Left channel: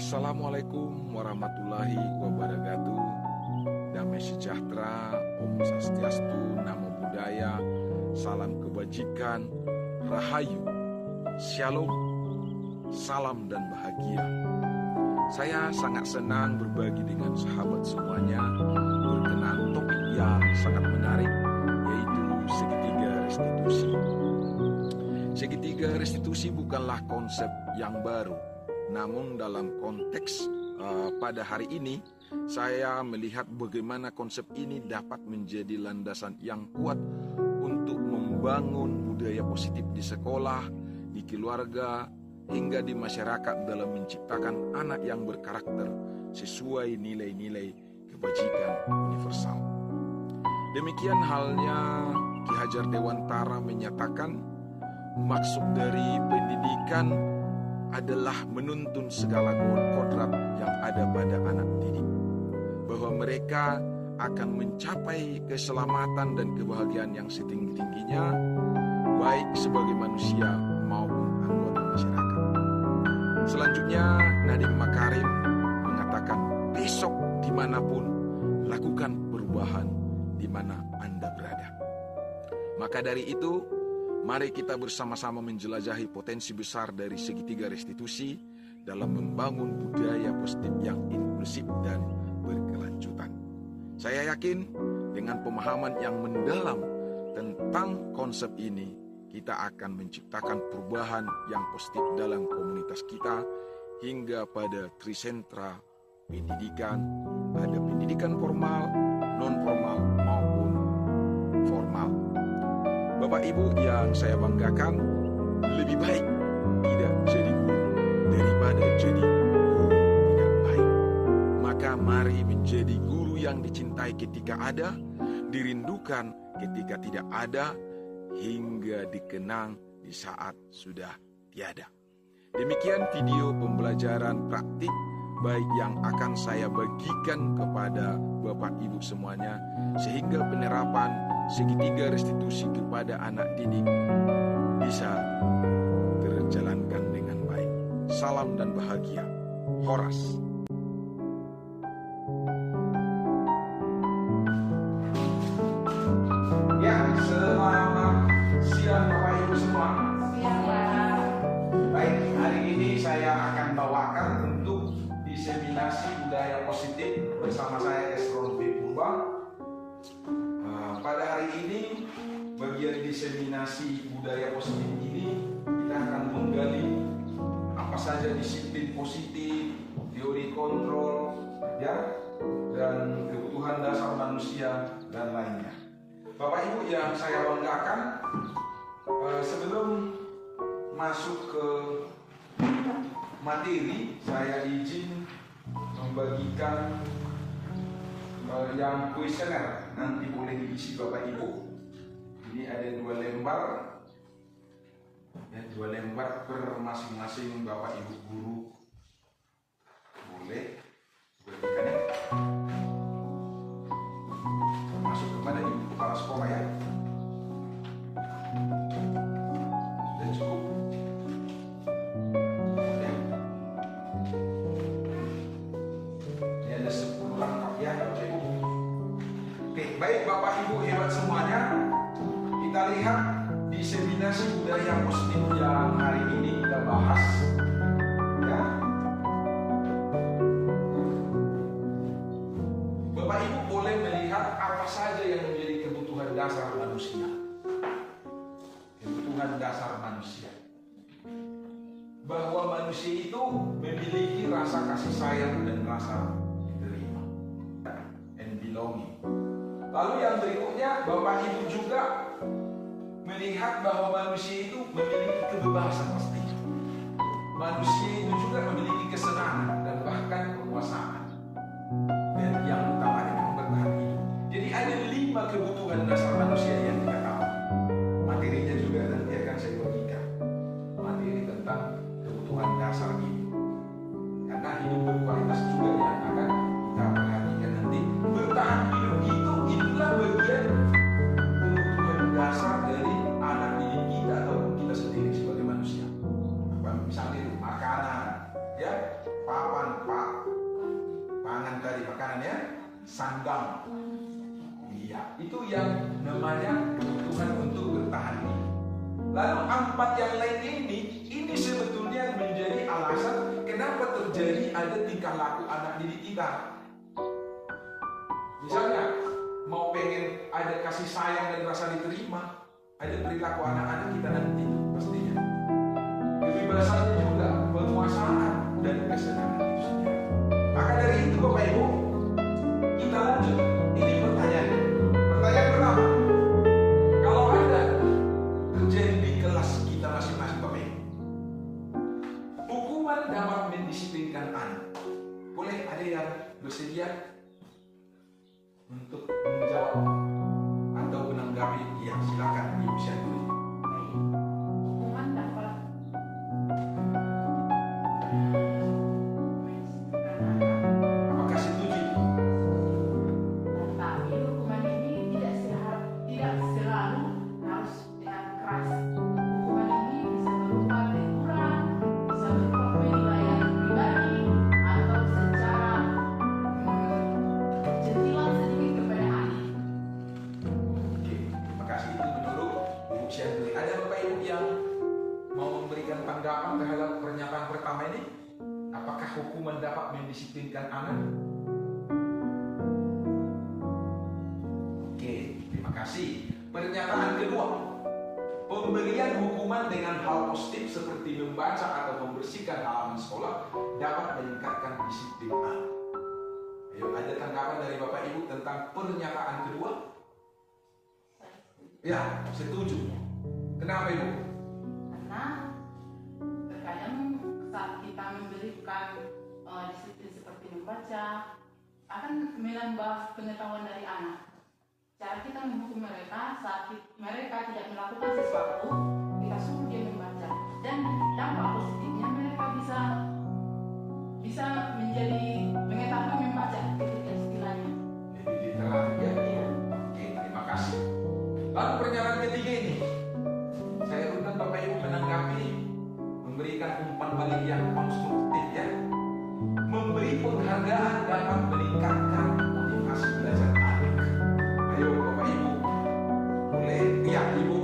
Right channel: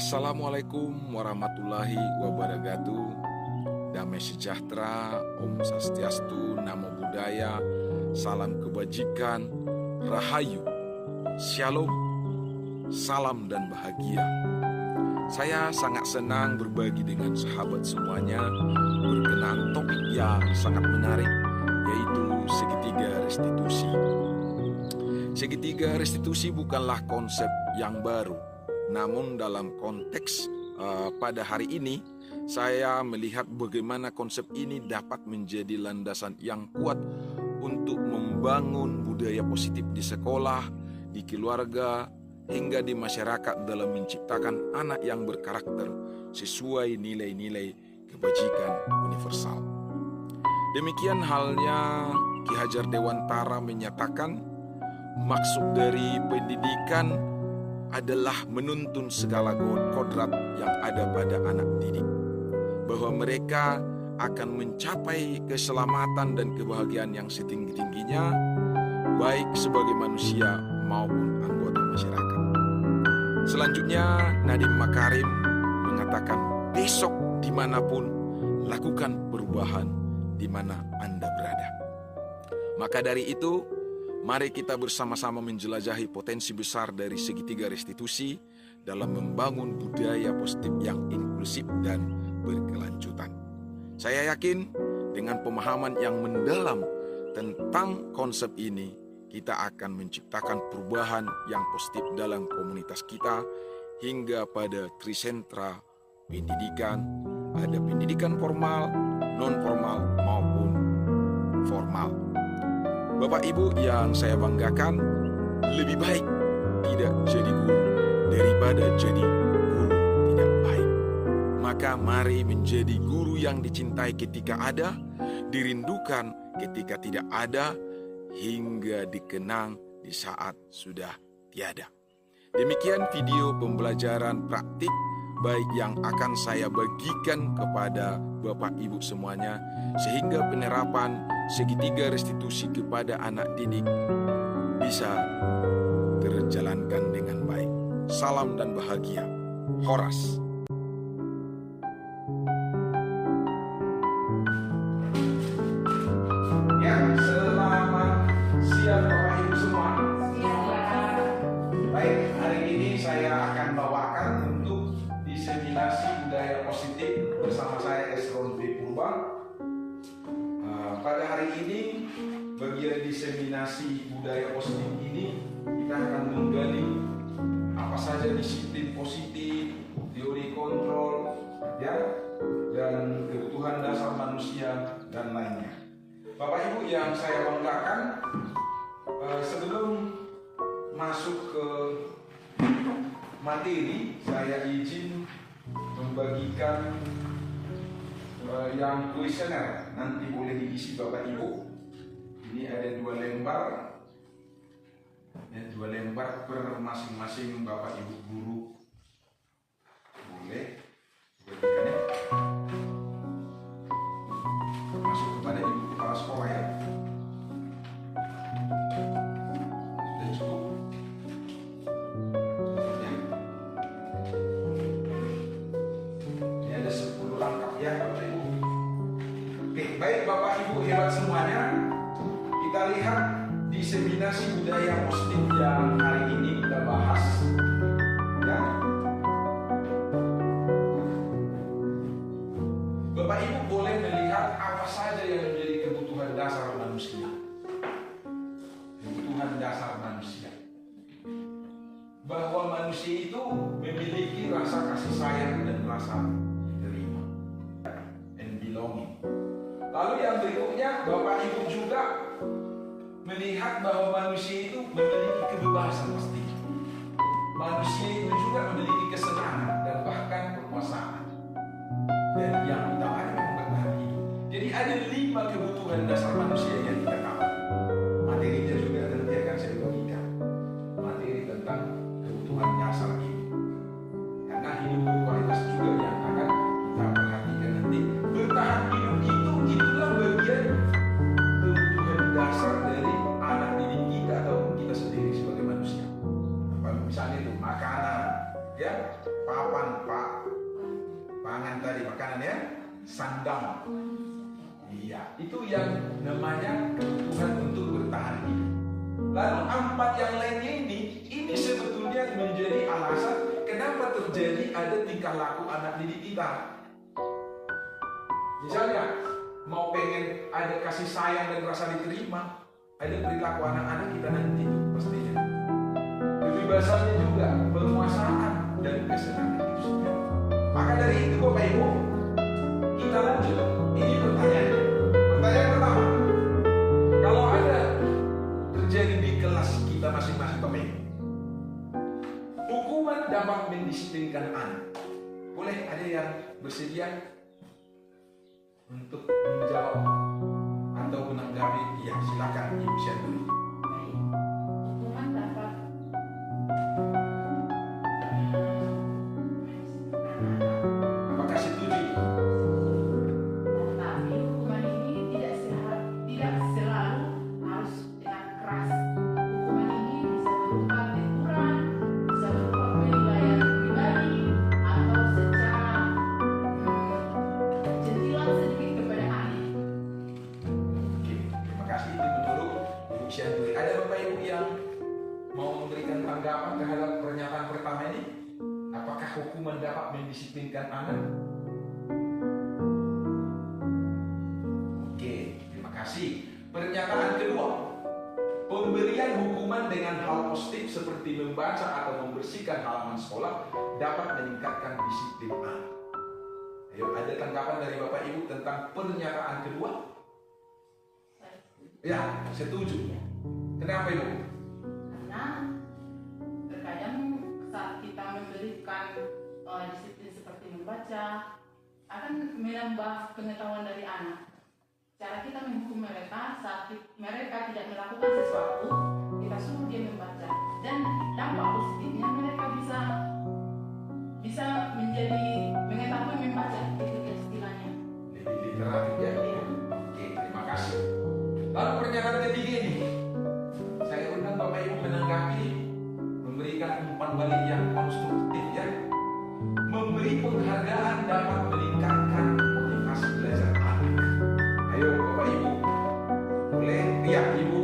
Assalamualaikum warahmatullahi wabarakatuh. Damai sejahtera, Om Swastiastu, Namo Buddhaya, salam kebajikan, Rahayu, Shalom, salam dan bahagia. Saya sangat senang berbagi dengan sahabat semuanya berkenaan topik yang sangat menarik, yaitu segitiga restitusi. Segitiga restitusi bukanlah konsep yang baru. Namun dalam konteks pada hari ini, saya melihat bagaimana konsep ini dapat menjadi landasan yang kuat untuk membangun budaya positif di sekolah, di keluarga, hingga di masyarakat dalam menciptakan anak yang berkarakter sesuai nilai-nilai kebajikan universal. Demikian halnya Ki Hajar Dewantara menyatakan, maksud dari pendidikan adalah menuntun segala kodrat yang ada pada anak didik, bahwa mereka akan mencapai keselamatan dan kebahagiaan yang setinggi-tingginya, baik sebagai manusia maupun anggota masyarakat. Selanjutnya, Nadiem Makarim mengatakan, besok dimanapun, lakukan perubahan di mana Anda berada. Maka dari itu, mari kita bersama-sama menjelajahi potensi besar dari segitiga restitusi dalam membangun budaya positif yang inklusif dan berkelanjutan. Saya yakin dengan pemahaman yang mendalam tentang konsep ini, kita akan menciptakan perubahan yang positif dalam komunitas kita hingga pada trisentra pendidikan, ada pendidikan formal, non-formal maupun formal. Bapak Ibu yang saya banggakan, lebih baik tidak jadi guru daripada jadi guru tidak baik. Maka mari menjadi guru yang dicintai ketika ada, dirindukan ketika tidak ada, hingga dikenang di saat sudah tiada. Demikian video pembelajaran praktik baik yang akan saya bagikan kepada Bapak Ibu semuanya, sehingga penerapan segitiga restitusi kepada anak didik bisa terjalankan dengan baik. Salam dan bahagia. Horas. Ya, selamat siang Bapak Ibu semua. Baik, hari ini saya akan bawakan untuk diseminasi budaya positif bersama saya Esron B. Purba. Pada hari ini, bagian diseminasi budaya positif ini, kita akan menggali apa saja disiplin positif, teori kontrol, ya, dan kebutuhan dasar manusia dan lainnya. Bapak Ibu yang saya banggakan, sebelum masuk ke materi, saya izin membagikan yang kuesioner, nanti boleh diisi Bapak Ibu. Ini ada 2 lembar, ya, 2 lembar per masing-masing Bapak Ibu guru. Boleh bagikannya, termasuk kepada Ibu Kepala Sekolah, ya. Sudah cukup. Ini ada 10 langkah, ya Bapak Ibu. Oke, baik Bapak Ibu hebat semuanya. Kita lihat diseminasi budaya positif yang hari ini kita bahas, ya. Bapak Ibu boleh melihat apa saja yang menjadi kebutuhan dasar manusia. Kebutuhan dasar manusia. Bahwa manusia itu memiliki rasa kasih sayang dan rasa diterima and belonging. Lalu yang berikutnya, Bapak Ibu juga melihat bahwa manusia itu memiliki kebebasan pasti. Manusia itu juga memiliki kesenangan dan bahkan kekuasaan. Dan yang utamanya memang berbagi. Jadi ada 5 kebutuhan dasar manusia yang kita tahu. Materinya juga nanti akan saya bagikan. Materi tentang kebutuhan dasar ini. Karena hidup berkualitas juga yang akan kita perhatikan nanti. Bertahan hidup itulah bagian kebutuhan dasar dari anak didik kita ataupun kita sendiri sebagai manusia. Misalnya itu makanan, ya, papan pangan tadi, makanan ya, sandang. Iya, itu yang namanya kebutuhan untuk bertahan hidup. Lalu 4 yang lainnya ini sebetulnya menjadi alasan kenapa terjadi ada tingkah laku anak didik kita. Misalnya, mau pengen ada kasih sayang dan rasa diterima, ada perilaku anak-anak kita nanti itu pastinya. Kebebasannya juga, penguasaan dan kesenangan itu sendiri. Maka dari itu Bapak Ibu, kita lanjut. Ini pertanyaannya. Pertanyaan pertama, kalau ada terjadi di kelas kita masing-masing Bapak Ibu, hukuman dapat mendisiplinkan anak. Boleh ada yang bersedia untuk menjawab atau menanggapi? Ya, silakan Ibu Syanturi. Hukuman dapat Apakah setuju? tetapi hukuman ini tidak selalu harus dengan keras. Hukuman ini bisa berupa teguran, bisa berupa penilaian pribadi, atau secara sentilan sedikit kepada anak. Oke, terima kasih. Itu menurut Ibu Syanturi. Ada Bapak Ibu yang mau memberikan tanggapan terhadap pernyataan pertama ini? Apakah hukuman dapat mendisiplinkan anak? Oke, terima kasih. Pernyataan kedua, pemberian hukuman dengan hal positif seperti membaca atau membersihkan halaman sekolah dapat meningkatkan disiplin anak. Ayo, ada tanggapan dari Bapak Ibu tentang pernyataan kedua? Ya, setuju. Kenapa Ibu? Karena terkadang saat kita memberikan disiplin seperti membaca akan menambah pengetahuan dari anak. Cara kita menghukum mereka saat mereka tidak melakukan sesuatu, kita suruh dia membaca, dan dampak positifnya mereka bisa menjadi mengetahui membaca, itu istilahnya. Lebih literatif ya. Oke, terima kasih. Lalu pernyataan ketiga ini, saya undang Bapak Ibu menanggapi, memberikan umpan balik yang konstruktif ya. Memberi penghargaan dapat meningkatkan motivasi belajar anak. Ayo Bapak Ibu, boleh? Ya, Ibu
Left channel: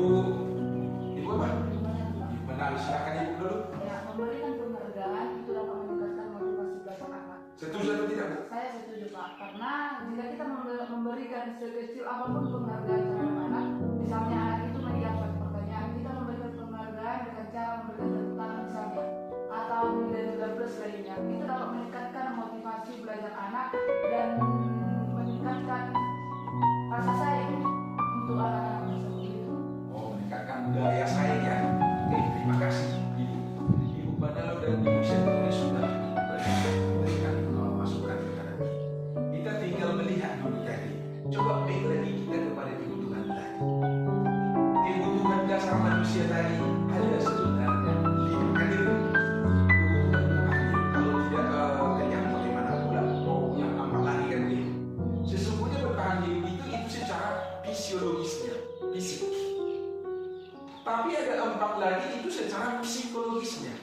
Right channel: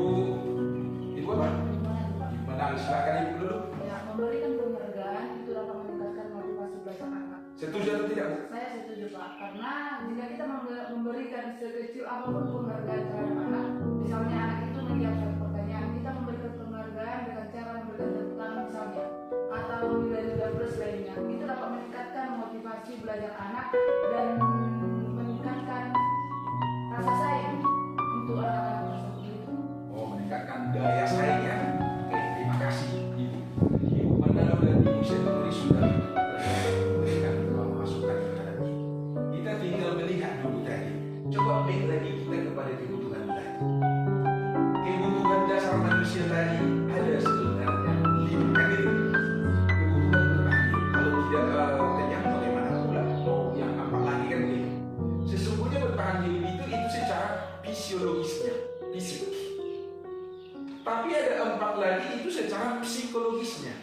apa? Ibu Menal, silakan Ibu dulu. Ya, memberikan penghargaan itu dapat meningkatkan motivasi belajar anak. Setuju atau tidak, Bu? Saya setuju Pak, karena jika kita memberikan sekecil apapun penghargaan terhadap anak, misalnya anak itu mengiyakan pertanyaan, kita memberikan penghargaan dengan cara memberikan tepuk tangan misalnya, atau nilai-nilai plus lainnya, itu dapat meningkatkan motivasi belajar anak dan meningkatkan rasa sayang untuk anak-anak tersebut itu. Oh, meningkatkan daya saing ya. Oke, terima kasih Ibu. Ibu Pandalam dan Ibu Syanturi sudah memberikan masukan kepada kita. Kita tinggal melihat dulu tadi. Coba baik lagi kita kepada kebutuhan tadi. Kebutuhan dasar manusia tadi ada sebenarnya 5 kan itu. Kebutuhan bertahan hidup. Kalau tidak kenyang bagaimana pula? Oh, yang 4 lagi kan begitu. Sesungguhnya bertahan hidup itu secara fisiologisnya, fisik. Tapi ada 4 lagi itu secara psikologisnya.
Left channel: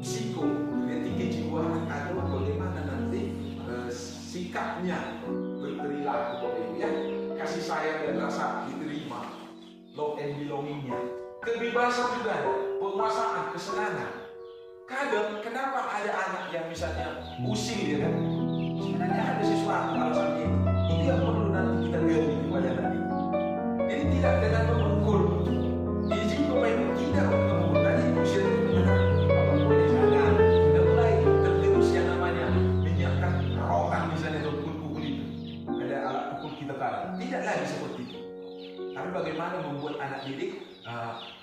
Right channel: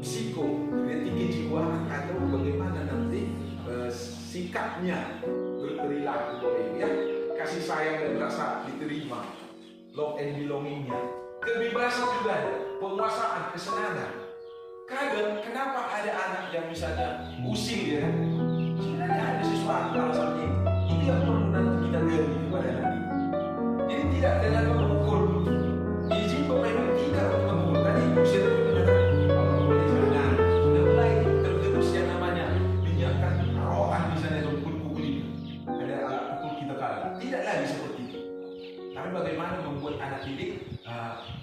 Psiko, berarti kejiwaan atau bagaimana nanti sikapnya berperilaku Bapak Ibu ya. Kasih sayang dan rasa diterima, love and belongingnya. Kebebasan juga ada, penguasaan, kesenangan. Kadang kenapa ada anak yang misalnya pusing dia kan? Sebenarnya ada sesuatu alasannya. Itu yang perlu nanti kita gali kepada nanti. Jadi tidak dengan mengukur. Izin Bapak Ibu tidak mengukur. Tadi usia itu mengatakan kalau boleh jangan. Sudah mulai tergerus yang namanya menyiapkan rotan misalnya atau pukul itu. Ada alat pukul kita tahu. Tidak lagi seperti itu. Tapi bagaimana membuat anak didik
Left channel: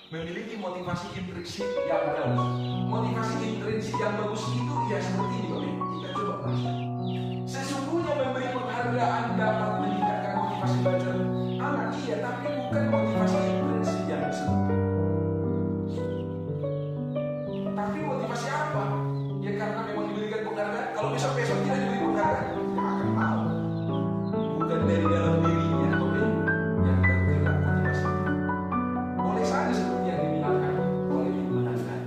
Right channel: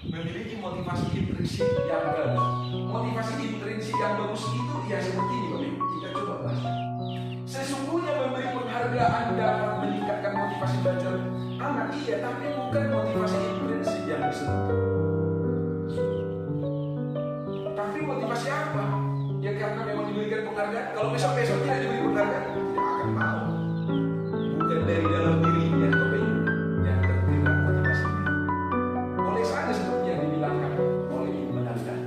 memiliki motivasi intrinsik yang bagus. Motivasi intrinsik yang bagus itu ya seperti ini Bapak Ibu. Kita coba bahas. Sesungguhnya memberi penghargaan dapat meningkatkan motivasi belajar anak, iya, tapi bukan motivasi intrinsik yang disebut. Tapi motivasi apa? Ya karena memang diberikan penghargaan. Kalau besok-besok tidak diberi penghargaan, tidak akan mau. Bukan dari dalam dirinya, Bapak Ibu, yang tergerak motivasinya. Boleh saja seperti yang dibilangkan oleh Ibu Menangkan.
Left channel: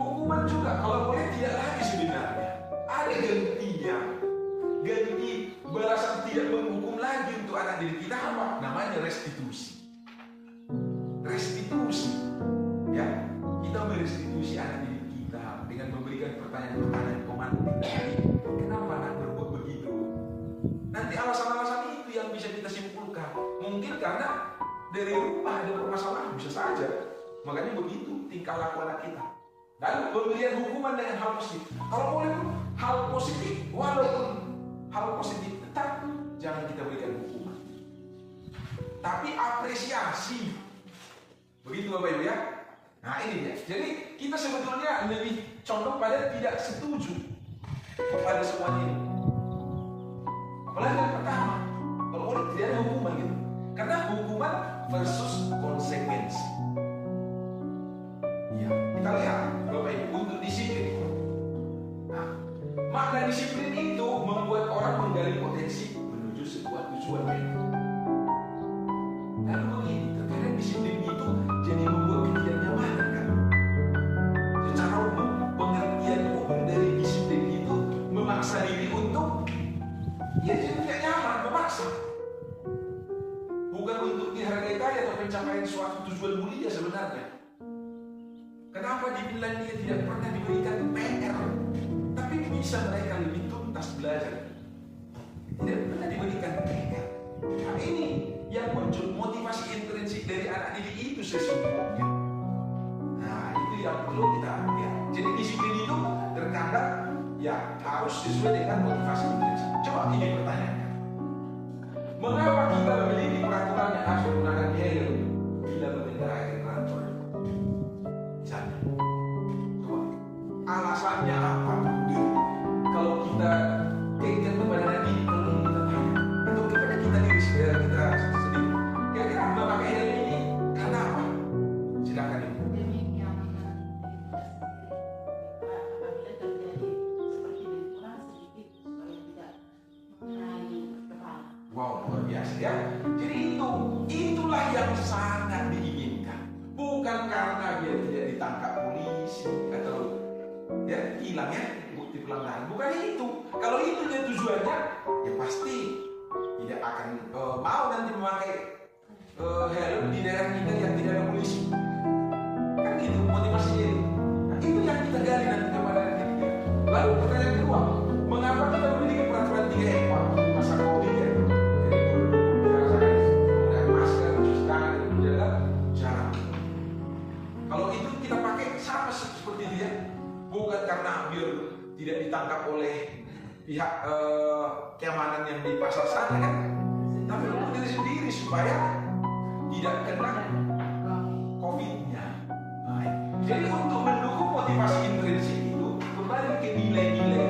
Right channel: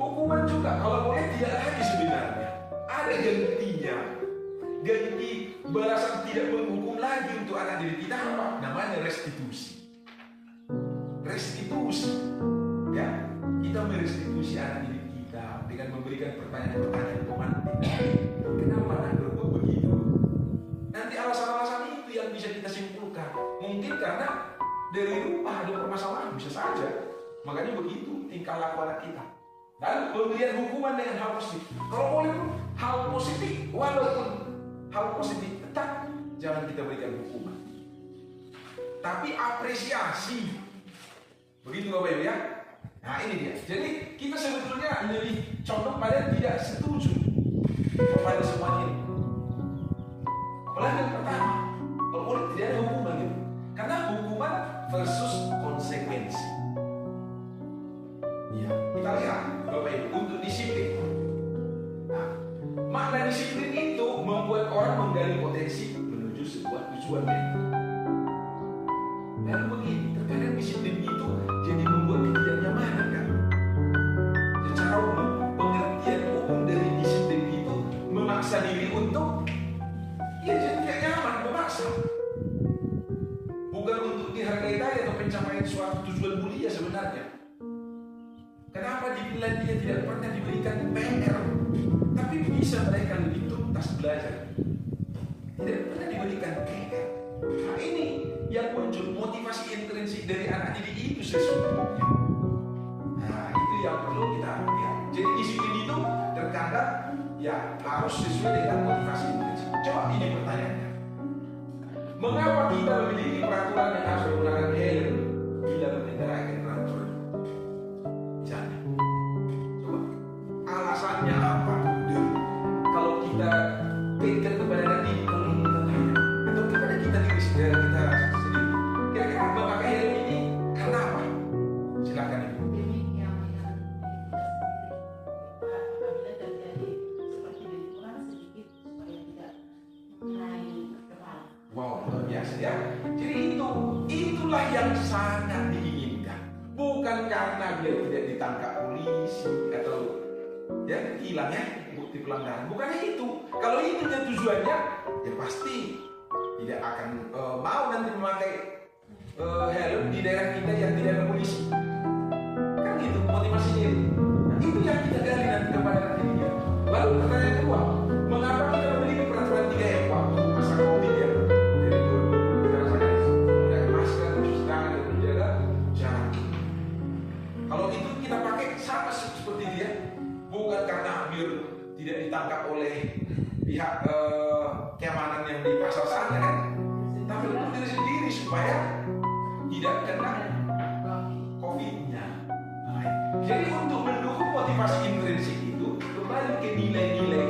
Hukuman juga, kalau boleh tidak lagi sebenarnya. restitusi. Ya, kita merestitusi anak didik kita dengan memberikan pertanyaan-pertanyaan pemantik. Kenapa nak berbuat begitu? Nanti alasan-alasan itu yang bisa kita simpulkan. Mungkin karena dari rumah ada permasalahan, bisa saja. Makanya begitu tingkah laku anak kita. Dan pemberian hukuman dengan hal positif. Kalau boleh hal positif, walaupun hal positif tetap jangan kita berikan hukuman. Tapi apresiasi. Begitu Bapak Ibu ya. Nah ini dia. Jadi kita sebetulnya lebih condong pada tidak setuju kepada semuanya ini. Apalagi yang pertama, kalau boleh tidak ada hukuman gitu. Karena hukuman versus konsekuensi. Ya, kita lihat Bapak Ibu untuk disiplin. Nah, makna disiplin itu membuat orang menggali potensi menuju sebuah tujuan yang lalu begini, terkadang disiplin itu jadi membuat ketidaknyamanan kan. Secara umum, pengertian umum dari disiplin itu memaksa diri untuk ya jadi tidak nyaman, memaksa. Bukan untuk dihargai tadi atau pencapaian suatu tujuan mulia sebenarnya. Kenapa di Finlandia tidak pernah diberikan PR, tapi bisa mereka lebih tuntas belajar. Tidak pernah diberikan PR. Nah ini yang muncul motivasi intrinsik dari anak didik itu sesungguhnya. Nah itu yang perlu kita lihat. Jadi disiplin itu terkadang ya harus sesuai dengan motivasi intrinsik. Coba ini pertanyaannya. Mengapa kita memiliki peraturan yang harus menggunakan helm bila mengendarai kendaraan? Misalnya, coba alasannya apa? Kalau kita kaitkan kepada nanti kalau ini kita tanya atau kepada kita diri kita sendiri, kira-kira memakai helm ini karena apa? Silakan Ibu. Demi keamanan apabila terjadi seperti benturan sedikit supaya tidak mengenai kepala. Wow, luar biasa ya. Jadi itulah yang sangat diinginkan. Bukan karena dia tidak ditangkap polisi atau ya hilang ya bukti pelanggaran. Bukan itu. Kalau itu dia tujuannya, ya pasti tidak akan mau nanti memakai helm di daerah kita yang tidak ada polisi. Kan gitu motivasinya itu. Nah, itu yang kita gali nanti kepada kita. Lalu pertanyaan kedua, mengapa kita memiliki peraturan 3M waktu masa COVID ya? Jadi dirasakan menggunakan masker, mencuci tangan dan menjaga jarak. Kalau itu kita pakai sama seperti dia, bukan karena biar tidak ditangkap oleh pihak keamanan yang di pasar sana kan, tapi untuk diri sendiri supaya tidak kena COVID-nya. Nah, jadi untuk mendukung motivasi intrinsik itu kembali ke nilai-nilai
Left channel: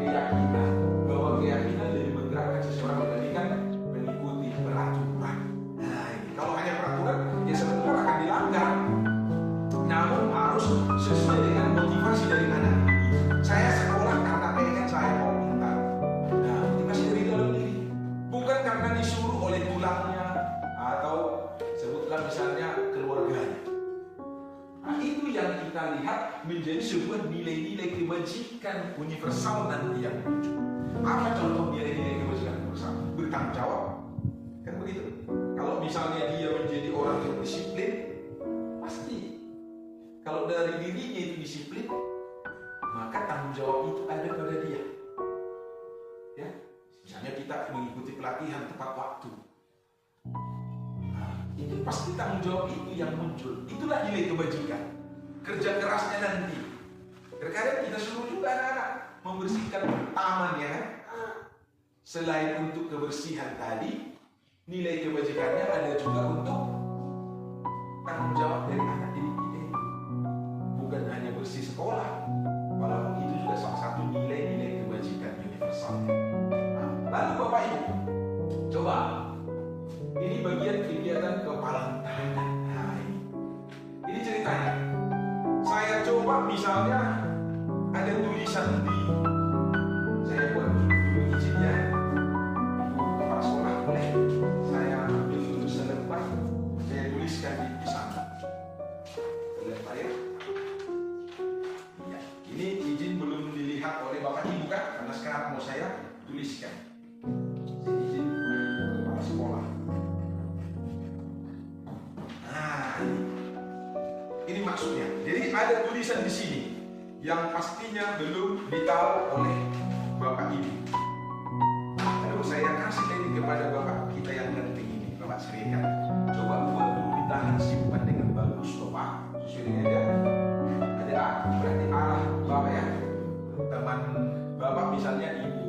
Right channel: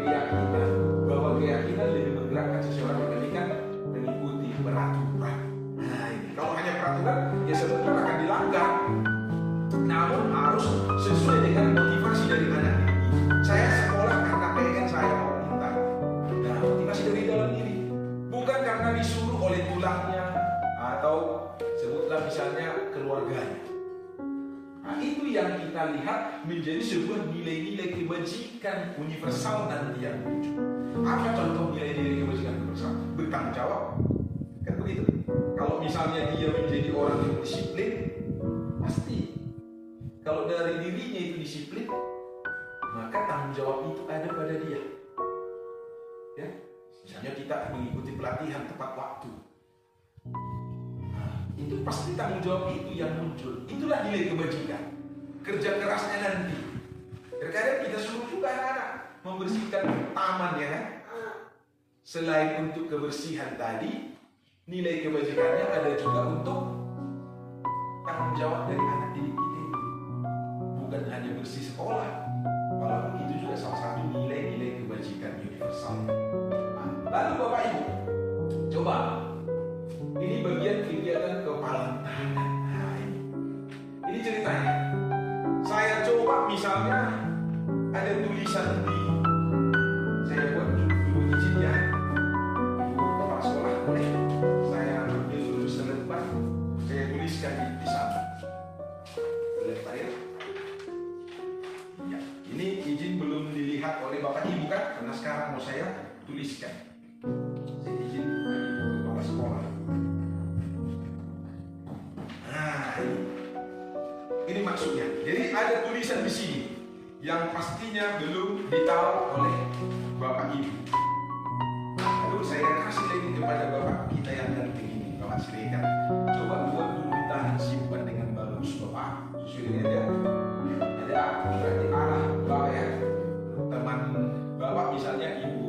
keyakinan bahwa keyakinan lebih menggerakkan seseorang dibandingkan mengikuti peraturan. Nah ini kalau hanya peraturan ya sebenarnya akan dilanggar. Namun harus sesuai dengan motivasi dari anak. Saya sekolah karena pengen saya mau pintar. Nah motivasi dari dalam diri, bukan karena disuruh oleh tulangnya atau sebutlah misalnya keluarganya. Nah, itu yang kita lihat menjadi sebuah nilai-nilai kebajikan universal nanti yang muncul. Apa contoh nilai-nilai kebajikan universal? Bertanggung jawab, kan begitu. Kalau misalnya dia menjadi orang yang disiplin, pasti kalau dari dirinya itu disiplin, maka tanggung jawab itu ada pada dia. Ya, misalnya kita mengikuti pelatihan tepat waktu. Itu pasti tanggung jawab itu yang muncul. Itulah nilai kebajikan. Kerja kerasnya nanti. Terkadang kita suruh juga anak-anak membersihkan taman ya kan. Selain untuk kebersihan tadi, nilai kebajikannya ada juga untuk tanggung jawab dari anak didik kita. Bukan hanya bersih sekolah, walaupun itu juga salah satu nilai-nilai kebajikan universal. Nah, lalu Bapak Ibu, coba. Ini bagian kegiatan kepalang tangan. Nah, ini ceritanya. Saya coba misalnya ada tulisan di, saya buat dulu izin ya, ibu kepala sekolah boleh saya ambil dulu selembar, saya tuliskan di sana. Lihat Pak ya. Ya, ini izin belum dilihat oleh Bapak Ibu kan, karena sekarang mau saya tuliskan. Saya izin kepala sekolah. Nah, ini Jadi ada tulisan di sini yang pastinya belum ditahu oleh Bapak Ibu. Lalu saya kasih lagi kepada Bapak kita yang ganteng ini, Bapak Siregar. Coba buat dulu di tangan, simpan dengan bagus Bapak. Sesuai dengan dia. Ada berarti arah Bapak ya. Teman Bapak misalnya Ibu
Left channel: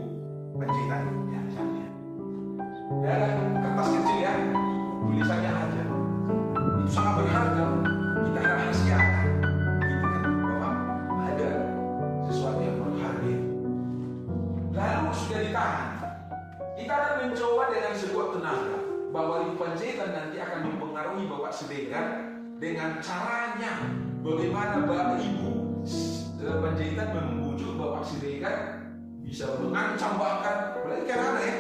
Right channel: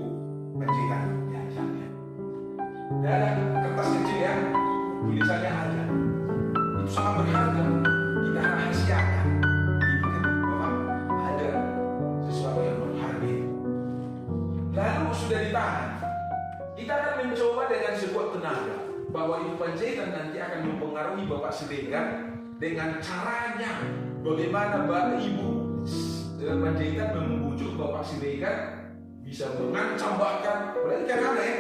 pencetak ya misalnya. Ada kertas kecil ya, tulisannya ada. Itu sangat berharga. Kita rahasiakan. Ini kan Bapak ada sesuatu yang berharga. Lalu sudah di tangan. Kita akan mencoba dengan sebuah tenaga bahwa itu penjahitan nanti akan mempengaruhi Bapak Siregar dengan caranya bagaimana Bapak Ibu penjahitan membujuk Bapak Siregar bisa mengancam bahkan apalagi karena ya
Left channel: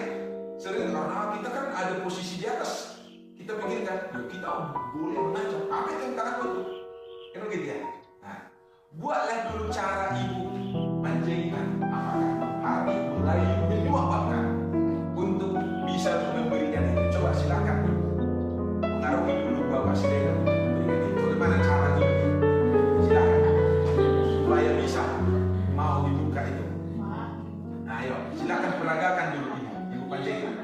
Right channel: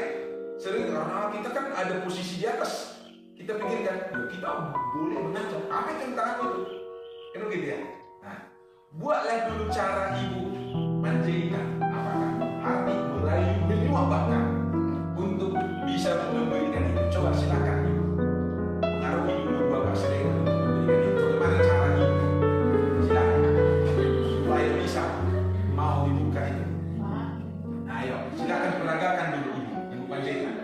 sering karena kita kan ada posisi di atas kita pikirkan kita boleh mengancam apa itu yang takut itu kan begitu ya. Nah, buatlah dulu cara Ibu menjahitan apakah hati merayu menyuap bahkan untuk bisa memberikan itu. Coba silakan pengaruhi dulu Bapak Siregar untuk memberikan itu. Bagaimana cara Ibu? Silakan supaya bisa mau dibuka itu. Nah, ayo silakan peragakan dulu Ibu penjahitan.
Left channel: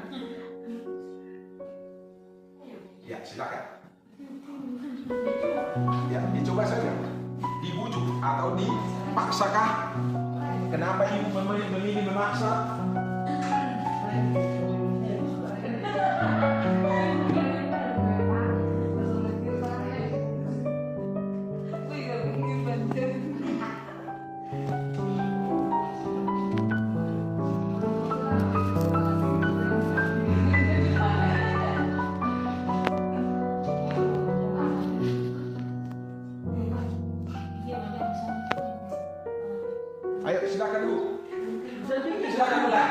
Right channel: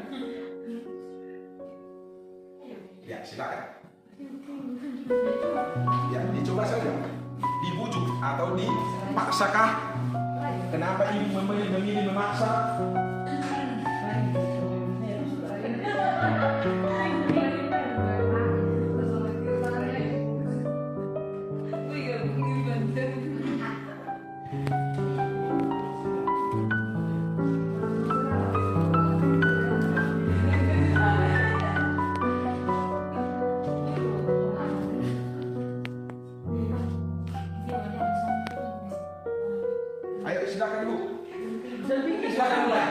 Ya silakan. Ya dicoba saja. Dibujuk atau dimaksakah? Kenapa Ibu memilih memaksa? Ayo silakan Bu. Silakan mulai.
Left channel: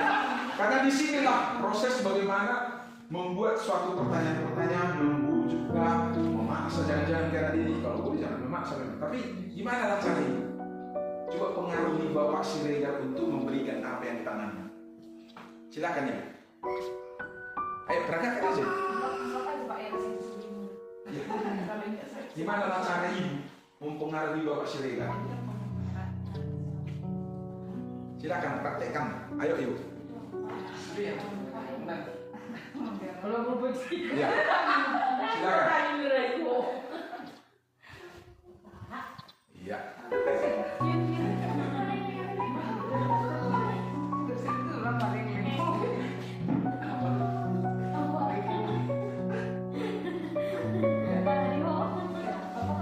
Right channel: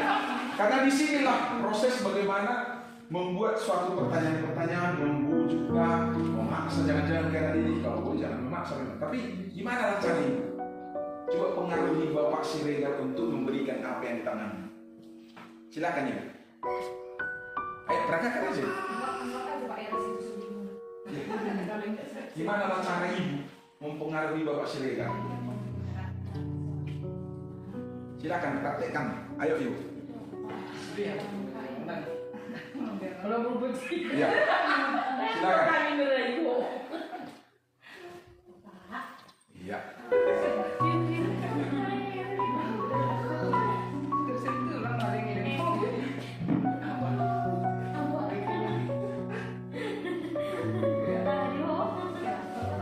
Karena disinilah proses bagaimana membuat suatu pertanyaan-pertanyaan membujuklah, memaksa jangan-jangan karena ini kalau boleh jangan memaksa. Tapi gimana caranya? Coba pengaruhi Bapak Siregar untuk memberikan apa yang ditanamnya. Silakan ya. Ayo peragakan aja. Gimana cara Ibu mempengaruhi Bapak Siregar? Silakan praktekkan. Ayo Ibu. Kalau berubah Ya. Silakan. Iya.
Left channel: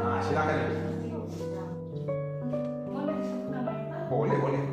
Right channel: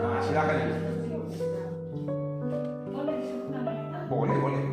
Nah, silakan. Boleh, boleh.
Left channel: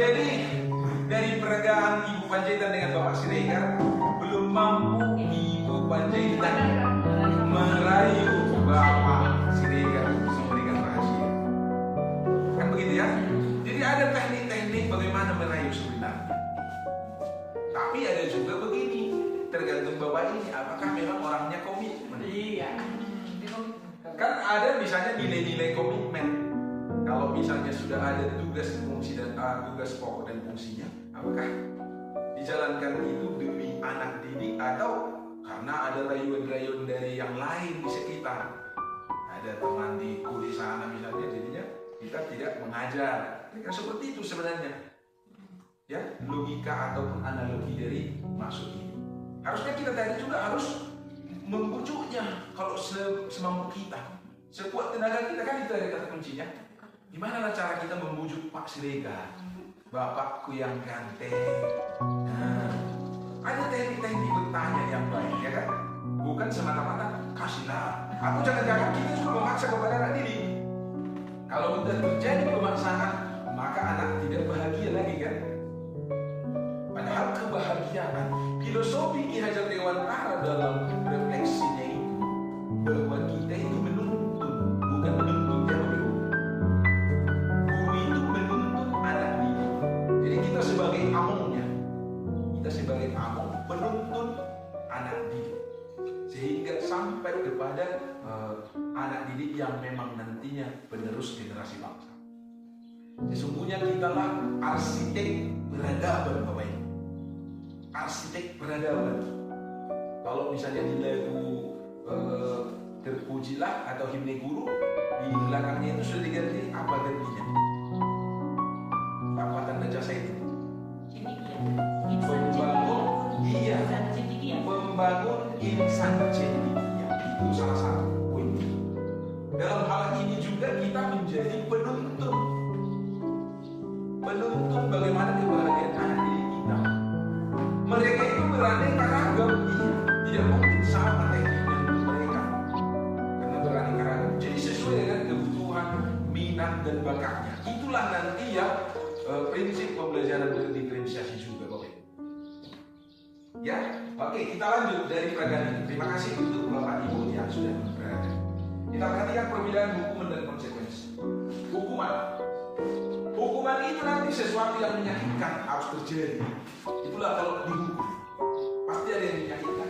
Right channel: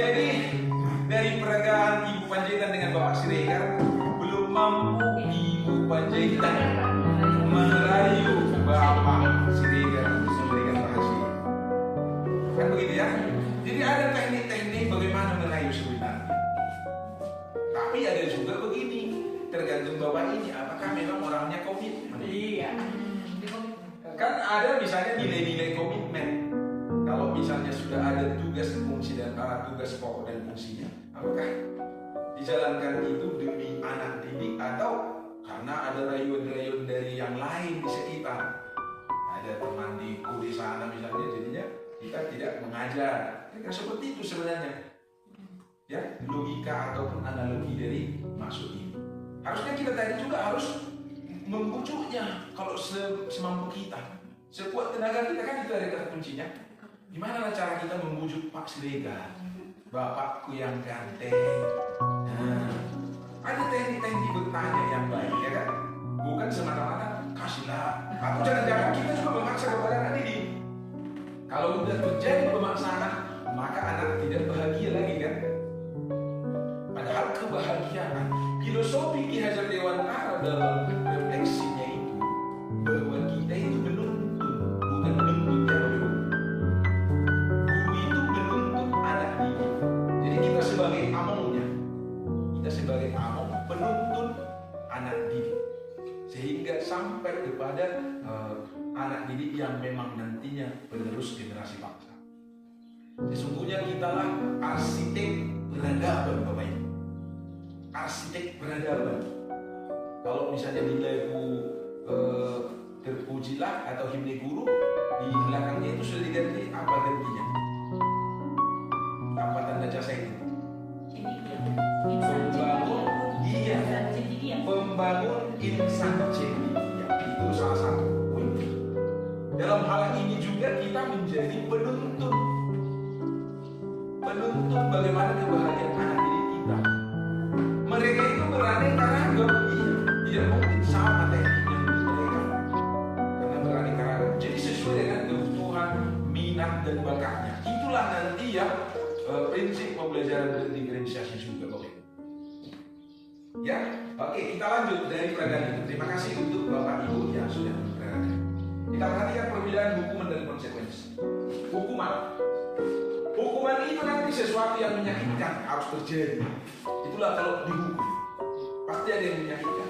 Jadi dari peragaan Ibu Panjaitan dengan Bapak Siregar, belum mampu Ibu Panjaitan merayu Bapak Siregar untuk memberikan rahasia. Kan begitu ya? Jadi ada teknik-teknik bagaimana merayu sebenarnya. Tapi ada juga begini, tergantung Bapak ini apakah memang orangnya komitmen. Iya. Kan ada misalnya nilai-nilai komitmen. Kalau misalnya sudah ada tugas fungsi dan tugas pokok dan fungsinya, apakah dijalankan itu demi anak didik atau karena ada rayuan-rayuan dari yang lain di sekitar? Ada teman di kuliah sana misalnya, jadinya kita tidak mengajar. Kan seperti itu sebenarnya. Ya, logika ataupun analogi dari maksud ini. Harusnya kita tadi juga harus membujuknya kalau semampu kita. Sekuat tenaga kita kan itu ada kata kuncinya. Gimana cara kita membujuk Pak Siregar, bapakku yang ganteng? Nah, ada teknik-teknik bertanya yang baik, ya kan? Bukan semata-mata kasihlah. Atau jangan-jangan kita juga memaksa kepada anak didik. Kalau sudah terjadi pemaksaan, maka anak tidak bahagia lagi kan? Padahal kebahagiaan, filosofi Ki Hajar Dewantara dalam refleksinya itu bahwa kita itu menuntun, bukan menuntut yang menuntut. Guru itu menuntut anak didik. Jadi kita sebagai amongnya, kita sebagai among menuntun anak didik sehingga sampai kepada anak didik yang memang nantinya penerus generasi bangsa. Sesungguhnya kitalah arsitek peradaban, Bapak Ibu. Arsitek peradaban. Kalau misalnya di lagu Terpujilah atau Himne Guru, di belakangnya itu sudah diganti apa gantinya? Apa tanda jasa itu? Pembangun, iya, pembangun insan cendekia. Itu salah satu poin. Dalam hal ini juga kita menjadi penuntun bagaimana kebahagiaan anak didik kita. Mereka itu beraneka ragam, iya, tidak mungkin sama tekniknya untuk mereka karena beraneka ragam. Jadi sesuai dengan kebutuhan, minat dan bakatnya. Itulah nanti yang prinsip pembelajaran berdiferensiasi juga, Bapak. Ya, oke, kita lanjut dari peragaan ini. Terima kasih untuk Bapak Ibu yang sudah memperhatikan. Kita perhatikan perbedaan hukuman dan konsekuensi. Hukuman itu nanti sesuatu yang menyakitkan harus terjadi. Itulah kalau dihukum pasti ada yang menyakitkan.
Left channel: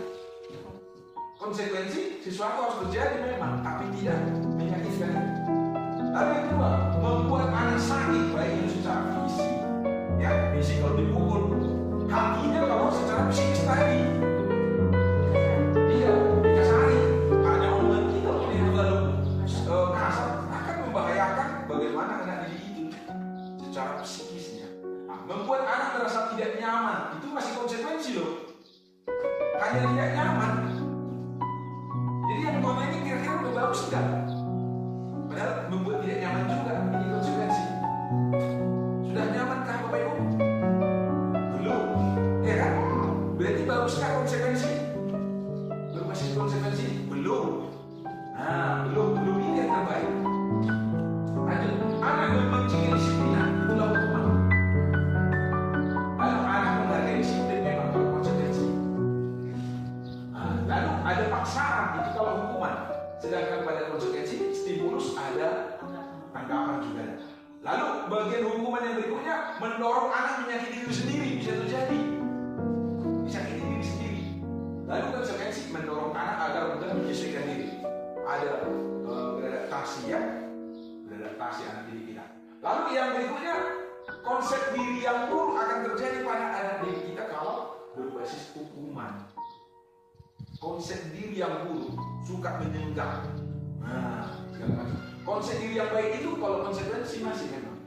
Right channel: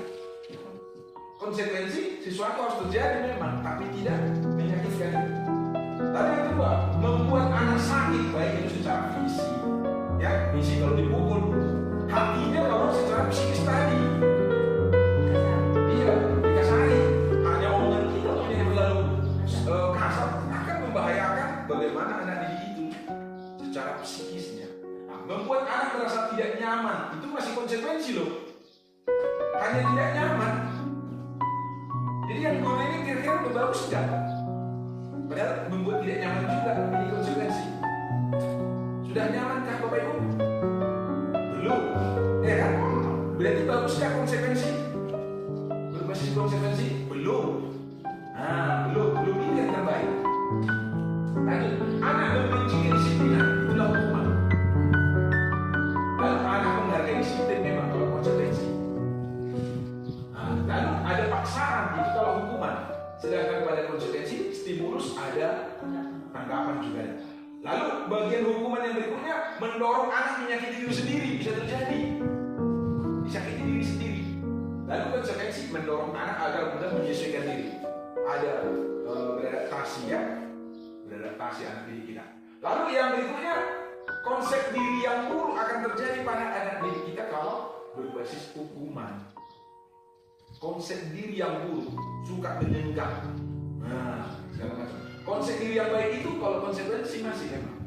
Konsekuensi sesuatu harus terjadi memang, tapi tidak menyakitkan. Tapi yang kedua, membuat anak sakit baik itu secara fisik, ya fisik kalau dipukul, hatinya kalau secara psikis tadi. Iya, dikasari. Hanya omongan kita yang terlalu kasar akan membahayakan bagaimana anak didik itu secara psikisnya. Nah, membuat anak merasa tidak nyaman itu masih konsekuensi loh. Hanya tidak nyaman. Jadi yang gue ini kira-kira udah bagus enggak? Padahal membuat tidak nyaman juga ini konsekuensi. Sudah nyamankah Bapak Ibu? Belum, ya kan? Berarti baguskah konsekuensi? Berbasis konsekuensi? Belum. Nah, belum ini yang terbaik. Lanjut, anak membenci kedisiplinan, itulah hukuman. Lalu anak menghargai disiplin memang kalau konsekuensi. Nah, lalu ada paksaan, itu kalau hukuman. Sedangkan pada konsekuensi, stimulus ada, tanggapan juga ada. Lalu bagian hukuman yang berikutnya mendorong anak menyakiti diri sendiri, bisa terjadi. Disakiti diri sendiri. Lalu konsekuensi mendorong anak agar mudah menyesuaikan diri. Ada beradaptasi ya, beradaptasi anak didik kita. Lalu yang berikutnya konsep diri yang buruk akan terjadi pada anak didik kita kalau berbasis hukuman. Konsep diri yang buruk, suka menyenggak. Nah, segala macam. Konsep diri yang baik itu kalau konsekuensi masih memang.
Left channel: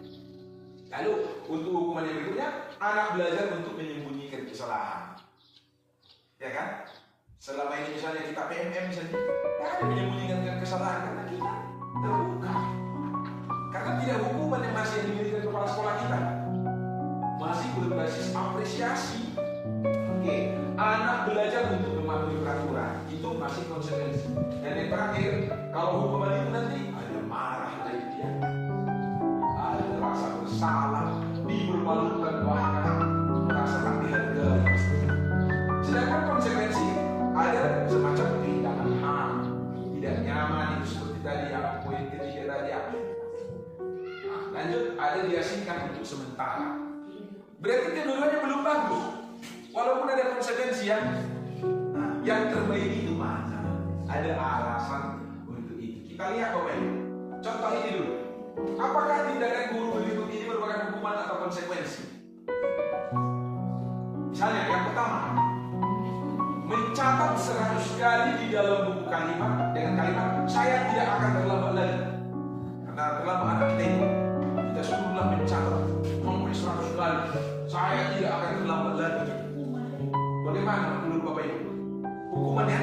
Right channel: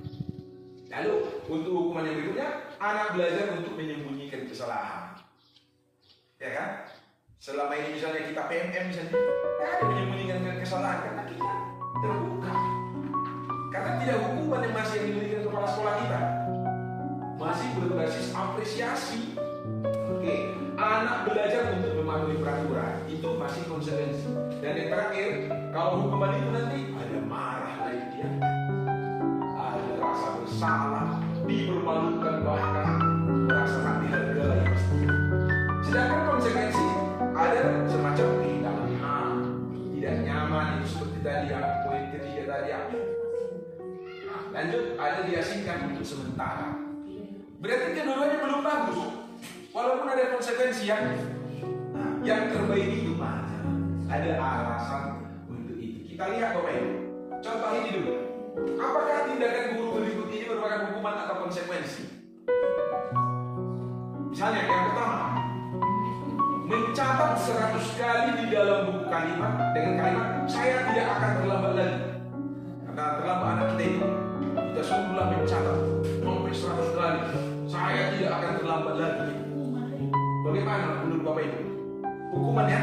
Lalu untuk hukuman yang berikutnya, anak belajar untuk menyembunyikan kesalahan. Ya kan? Selama ini misalnya kita PMM misalnya, ada menyembunyikan kesalahan karena kita terbuka. Karena tidak hukuman yang masih yang diberikan kepala sekolah kita, masih berbasis apresiasi. Oke, anak belajar untuk memahami peraturan itu masih konsekuensi. Dan yang terakhir, kalau hukuman itu nanti ada marah lagi dia, ada rasa bersalah, dipermalukan. Lanjut, ada diasingkan untuk sementara. Berarti kedua-duanya belum bagus. Walaupun ada konsekuensi yang terbaik itu mana? Ada alasan untuk itu. Kita lihat Bapak Ibu. Contoh ini dulu. Apakah tindakan guru berikut ini merupakan hukuman atau konsekuensi? Misalnya yang pertama, mencatat 100 kali di dalam buku kalimat dengan kalimat saya tidak akan terlambat lagi. Karena terlambat anak kita ini, kita suruhlah mencatat sampai 100 kali. Saya tidak akan terlambat lagi. Bagaimana menurut Bapak Ibu? Hukumannya?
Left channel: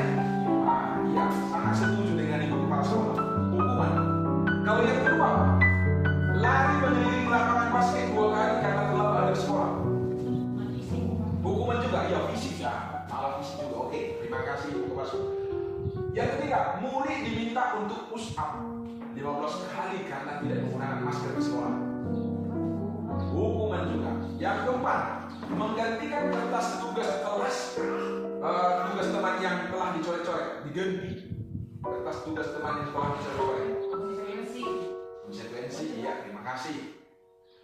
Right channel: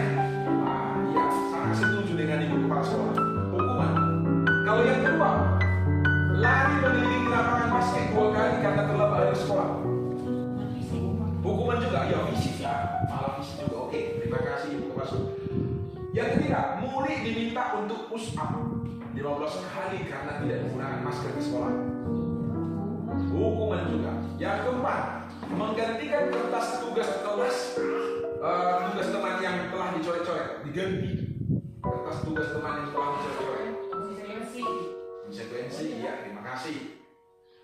Iya, sangat setuju dengan Ibu Kepala Sekolah. Hukuman. Kalau yang kedua, lari mengelilingi lapangan basket 2 kali karena terlambat dari sekolah. Hukuman juga, ya fisik lah. Malah fisik juga, oke. Terima kasih Ibu Kepala Sekolah. Yang ketiga, murid diminta untuk push up 15 kali karena tidak menggunakan masker di sekolah. Hukuman juga. Yang keempat, menggantikan kertas tugas kelas, tugas teman yang telah dicoret-coret, diganti kertas tugas teman yang telah dicoret-coret. Konsekuensi, ya terima kasih.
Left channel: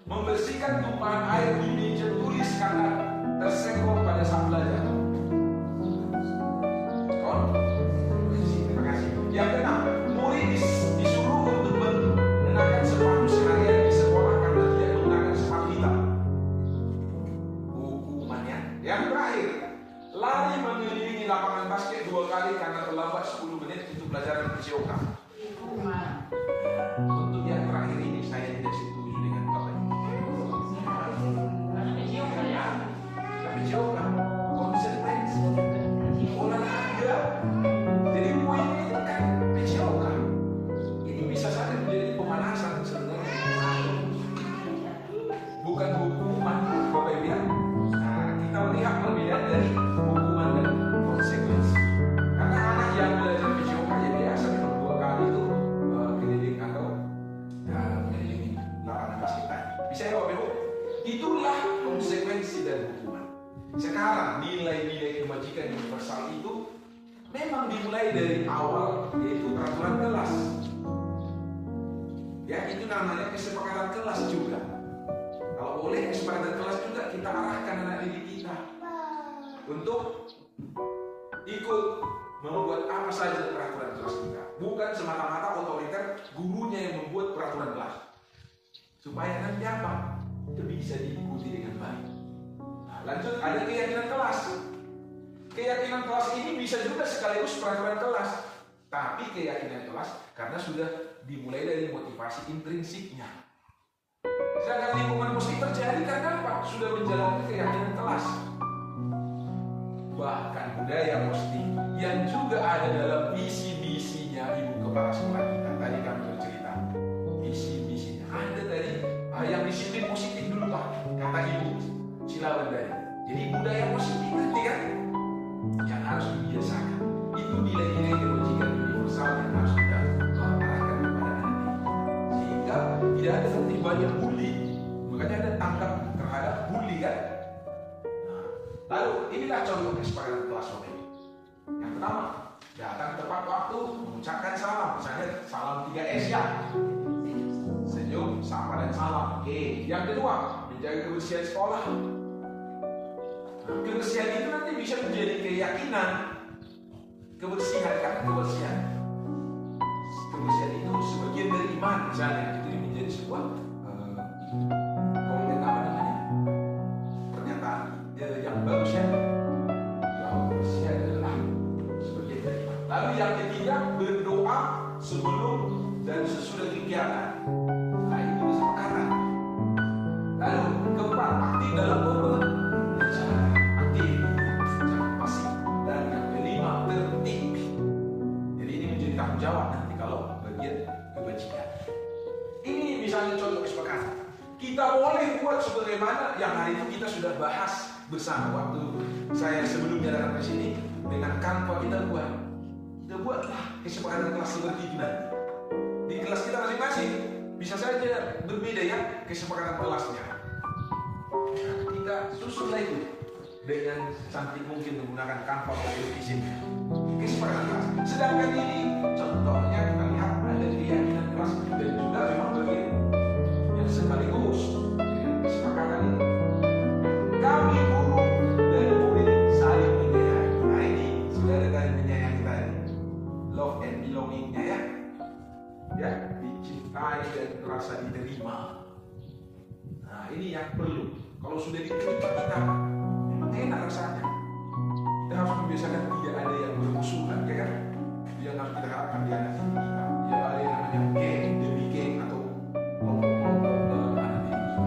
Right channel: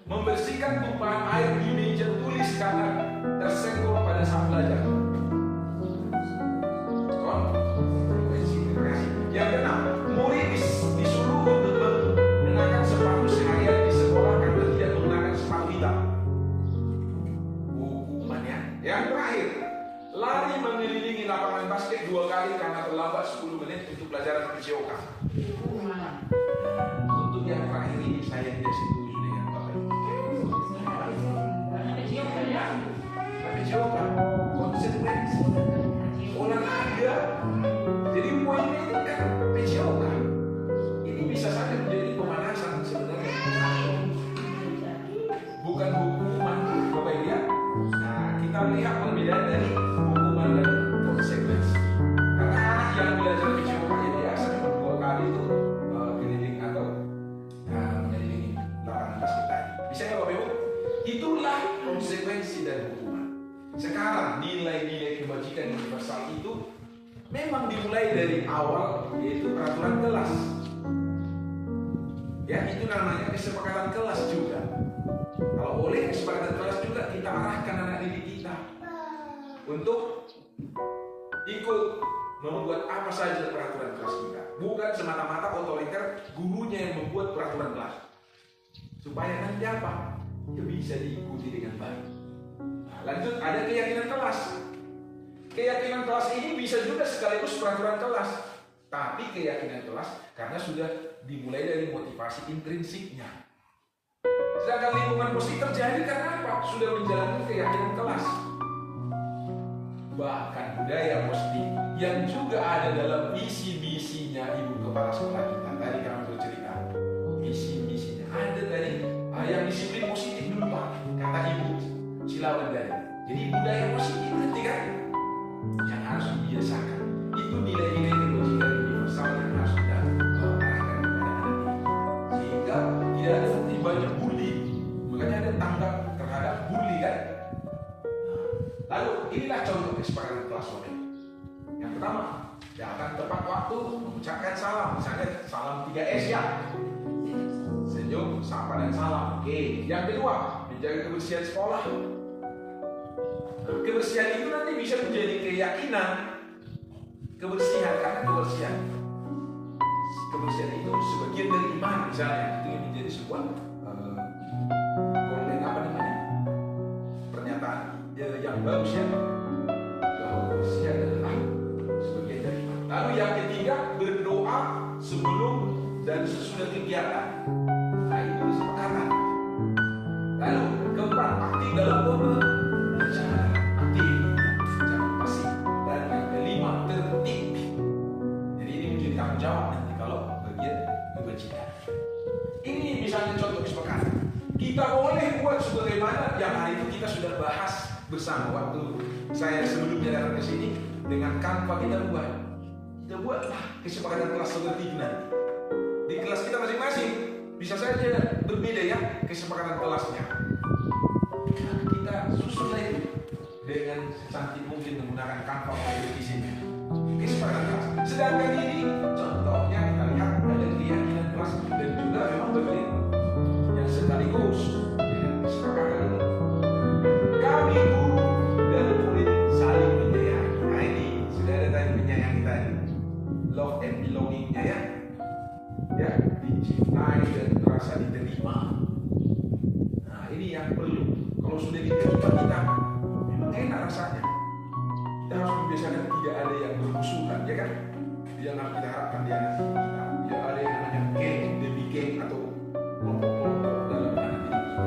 Membersihkan tumpahan air di meja tulis karena tersenggol pada saat belajar. Konsekuensi, terima kasih. Yang keenam, murid disuruh untuk mengenakan sepatu seharian di sekolah karena tidak menggunakan sepatu hitam. Hukumannya. Yang terakhir, lari mengelilingi lapangan basket 2 kali karena terlambat 10 menit untuk pelajaran PCOK. Untuk yang terakhir ini saya tidak setuju dengan Bapak Ibu. PCOK, konsekuensi, olahraga. Jadi poinnya itu kan PCOK. Ini bisa saja menjadi pemanasan sebenarnya. Bukan hukuman Bapak Ibu ya. Nah, kita lihat perbedaan dari hukuman dan konsekuensi. Karena anak yang belajar PCOK ya biasa memang 2 kali itu keliling atau mengelilingi lapangan basket tadi. Bisa ya Bapak Ibu? Itulah konsekuensi dari hukuman. Sekarang nilai-nilai kebajikan universal itu memang dimulai dari awal, yaitu peraturan kelas. Ya, itu namanya kesepakatan kelas juga. Kalau boleh kesepakatan kelas juga kita arahkan anak didik kita untuk ikut membuat apa saja peraturan kelas kita. Bukan semata-mata otoriter gurunya yang membuat peraturan kelas. Supaya nanti apa? Itu bisa diikuti dengan baik. Nah, lanjut, ada keyakinan kelas. Keyakinan kelas ini bisa juga sekaligus peraturan kelas. Tapi keyakinan kelas karena sudah dimulai dari motivasi intrinsiknya. Sedangkan lingkungan positif terjadi karena apa? Sudah menjalankan keyakinan kelas. Bahkan budaya positif yang juga ada dalam visi-misinya Ibu Kepala Sekolah kita. Tadi kami bercerita visi-misinya. Ada tadi yang disiplin positif dulu Pak, kata Ibu Silawan tadi. Jadi budaya positif nanti kan yang harus dibiasakan. Itu nilai-nilai kebajikan universal yang harus kita arahkan kepada anak ini. Sehingga tidak ada nanti banyak bully. Makanya ada tanggap terhadap bully kan. Lalu inilah contoh kesepakatan kelas Bapak Ibu. Yang pertama, datang tepat waktu, mengucapkan salam. Misalnya salam 3S ya. Senyum, sapa dan salam. Oke. Yang kedua, menjaga kebersihan sekolah. Kebersihan itu nanti bisa menjadi keyakinan. Kebersihan, karena kebersihan itu sebagian dari iman misalnya. Itu yang menjadi sebuah konten apa namanya? Pernyataan yang bagus ya. Bahwa kebersihan adalah sebagian dari iman. Lalu yang ketiga, berdoa sebelum dan sesudah kegiatan. Nah, itu kesepakatan. Lalu keempat, aktif dalam berbicara. Aktif, jangan pasif. Dan yang kelima, tertib. Jadi ini menjadi tanggung jawab nanti kalau bagian kebajikan. Ini misalnya contoh kesepakatan. Kita boleh buat sebagaimana yang hari itu kita sudah bahas bersama waktu saya sebelumnya datang ke sini dengan Canva kita buat. Kita buatlah kesepakatan kelas seperti ini nanti. Di kelas kita masing-masing bisa saja berbeda ya kesepakatan kelasnya. Nah, kita susunlah itu dengan cantik mungkin menggunakan Canva maupun di sini. Kesepakatan kelas. Sedangkan ini contohnya kita lihat ada keyakinan kelas dan juga memang bagian yang sedang dicintai dan merasa diterima. Nah, ini yang perlu. Kalau sudah diterima kita, memang enak rasanya. Kita harus membiasakan tidak ada yang bermusuhan, ya kan? Yang harus kita harapkan di anak didik kita. Tidak ada yang namanya geng demi geng atau kelompok-kelompok dalam anak didik kita.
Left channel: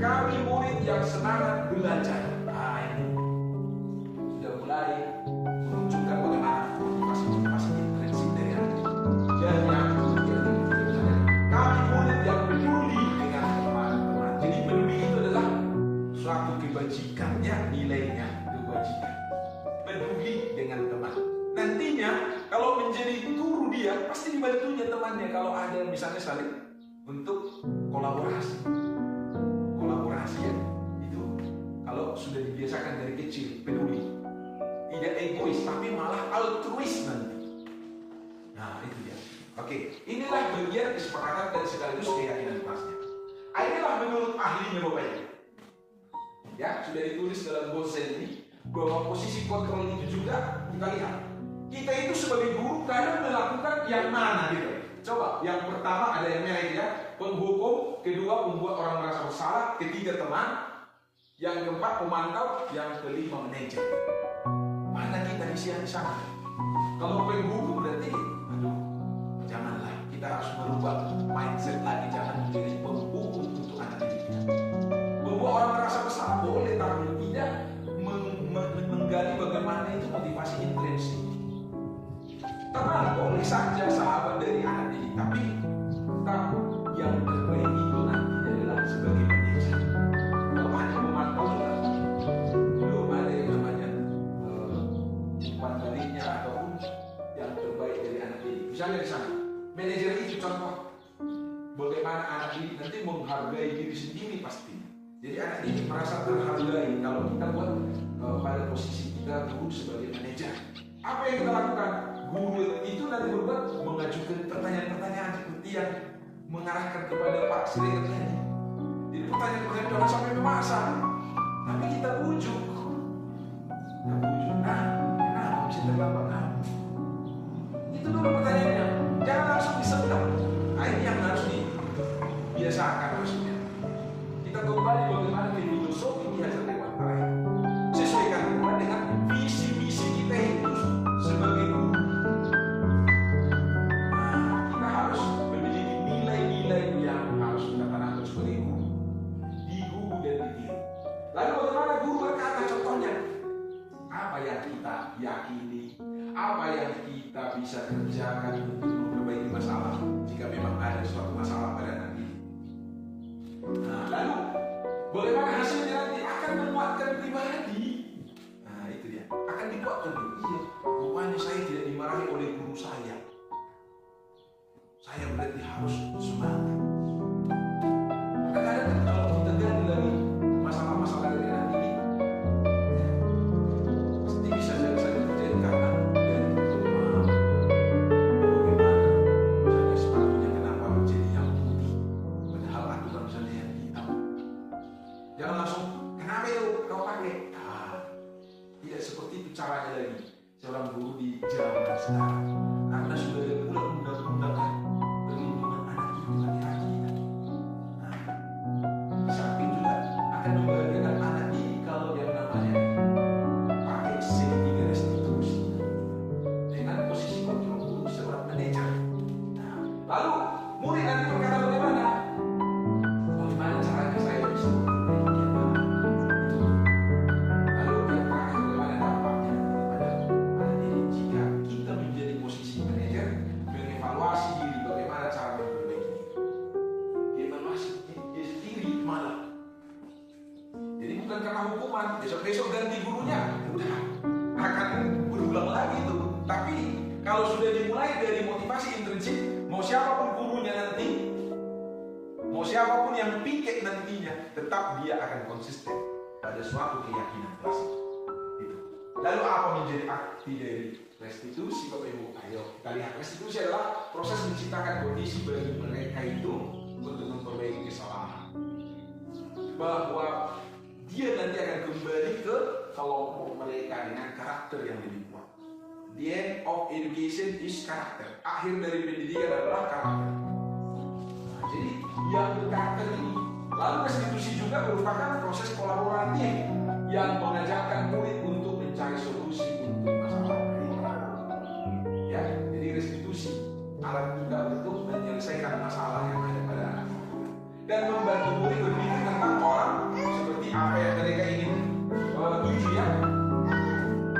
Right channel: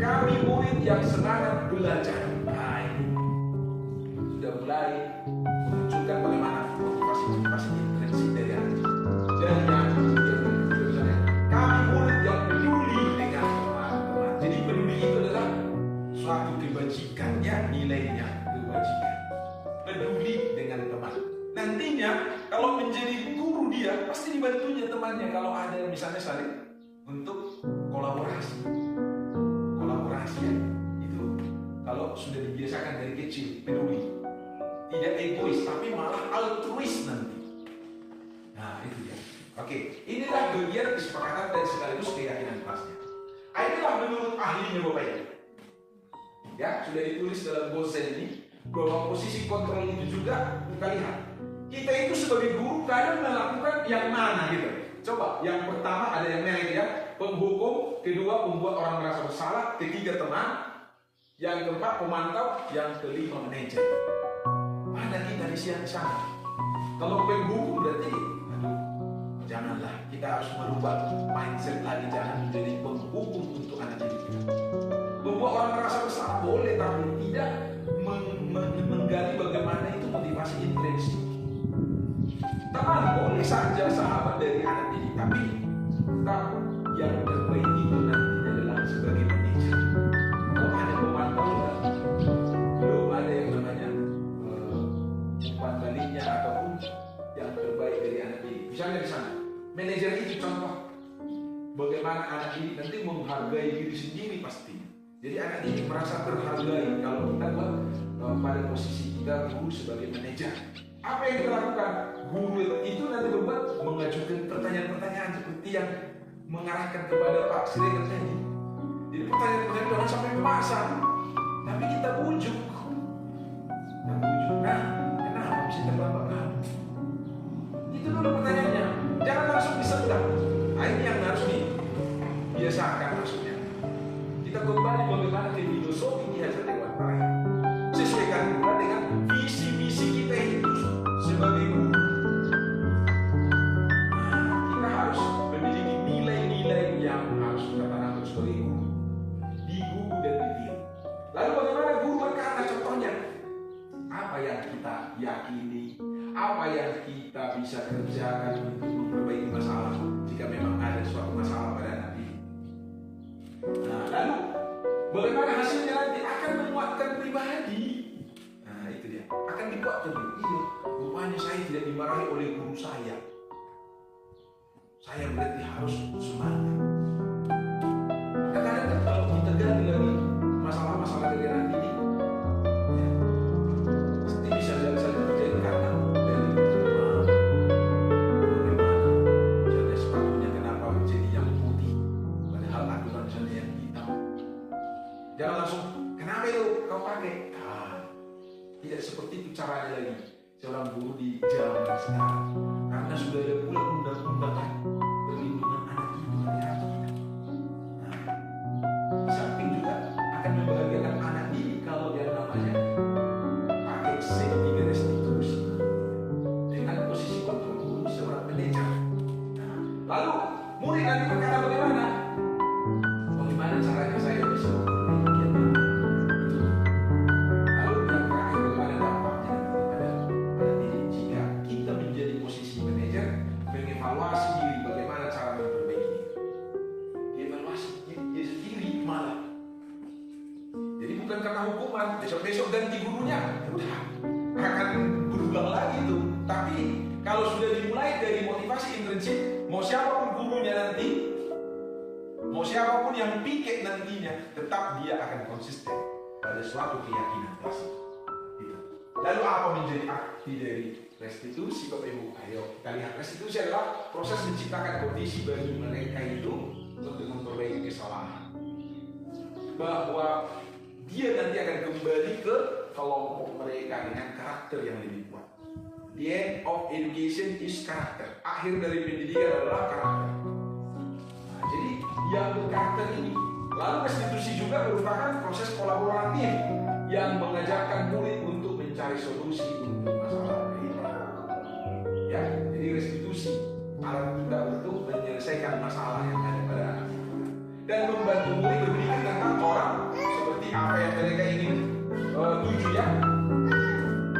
Kami murid yang semangat belajar. Nah, ini sudah mulai menunjukkan bagaimana motivasi intrinsik dari anak didik. Dan yang ketiga, kami murid yang peduli dengan teman-teman. Jadi peduli itu adalah suatu kebajikan, ya, nilainya kebajikan. Peduli dengan teman. Nantinya kalau menjadi guru dia pasti dibantunya temannya kalau ada misalnya saling untuk kolaborasi ya, itu kalau sudah dibiasakan dari kecil peduli, tidak egois tapi malah altruis nanti. Nah itu dia. Oke, inilah bagian kesepakatan dan sekaligus keyakinan kelasnya. Inilah menurut ahlinya Bapak Ibu. Ya, sudah ditulis dalam Gozen ini bahwa posisi kontrol itu juga kita lihat. Kita itu sebagai guru kadang melakukan yang mana gitu. Coba, yang pertama ada yang merek ya, penghukum, kedua membuat orang merasa bersalah, ketiga teman, yang keempat pemantau, yang kelima manajer. Mana kita di sana? Kalau penghukum berarti, aduh, janganlah, kita harus merubah mindset lagi, jangan menjadi penghukum untuk anak didik kita. Membuat orang merasa bersalah boleh, tapi tidak menggali bagaimana itu motivasi intrinsik. Teman boleh saja sahabat dari anak didik, tapi tetap yang terbaik itu nanti adalah sebagai manajer. Kalau hanya memantau juga belum ada yang namanya umpan baliknya ataupun yang terbaik dari anak didik. Misalnya di sana, manajer itu contoh bagaimana anak didik nanti menghargai diri sendiri pasti. Jadi anak didik merasa terhargai kalau kita buat pada posisi kita guru sebagai manajer. Apa yang kita lakukan? Guru itu nanti berbuat mengajukan pertanyaan-pertanyaan seperti yang mengarahkan kepada Pak Siregar tadi. Jadi pertanyaan-pertanyaan jangan sampai memaksa, tapi kita bujuk. Nah, kenapa bisa terlambat? Nah, itu dulu pertanyaannya. Jangan langsung disentak. Nah, ini yang harus dibiasakan maksudnya. Kita kembali bagaimana ke filosofi di hasil Dewan Terakhir. Sesuaikan pula dengan visi misi kita itu sebagai guru. Kita harus memiliki nilai-nilai yang harus kita tanamkan sebagai guru di guru dan di diri. Lalu bagaimana guru berkata? Contohnya apa yang kita yakini, apa yang kita bisa kerjakan untuk memperbaiki masalah jika memang ada suatu masalah pada anak didik. Nah, lalu bagaimana hasilnya nanti akan menguatkan pribadi. Nah itu dia, akan dikuatkan. Iya, rupanya saya tidak dimarahi oleh guru saya. Saya berarti harus semangat. Kadang-kadang kalau kita gali lagi masalah-masalah dari anak didik, ya, pasti bisa saja terjadi karena dari rumah. Bagaimana misalnya sepatunya kenapa menjadi yang putih, padahal aturan misalnya yang hitam. Jangan langsung, kenapa itu kau pakai? Tidak seperti itu caranya lagi seorang guru di zaman sekarang. Karena sudah ada pula undang-undang perlindungan anak itu hati-hati. Nah, di samping juga akan membahagiakan anak ini kalau yang namanya pakai safety restitusi dengan posisi kontrol guru seorang manajer. Nah, lalu murid nanti berkata bagaimana? Bagaimana caranya saya bisa besok ganti gurunya, udah akan berulang lagi itu. Tapi kalau sudah dimulai dari motivasi intrinsik, mau siapapun gurunya nanti, mau siapapun yang piket nantinya, tetap dia akan konsisten pada suatu keyakinan klasik. Gitu. Lalu apa menjadi arti dari restitusi, Bapak Ibu? Ayo kita lihat. Restitusi adalah proses menciptakan kondisi bagi mereka itu untuk memperbaiki kesalahan. Bahwa dia nanti akan kembali ke kelompok mereka dengan karakter yang lebih kuat. The end of education is karakter. Akhir dari pendidikan adalah karakter. restitusi juga merupakan proses kolaboratif yang mengajarkan murid untuk mencari solusi untuk masalah mereka. Ya, jadi restitusi alat kita untuk menyelesaikan masalah yang ada pada anak dan membantu murid berpikir tentang orang seperti apa yang mereka ingin tuju ya,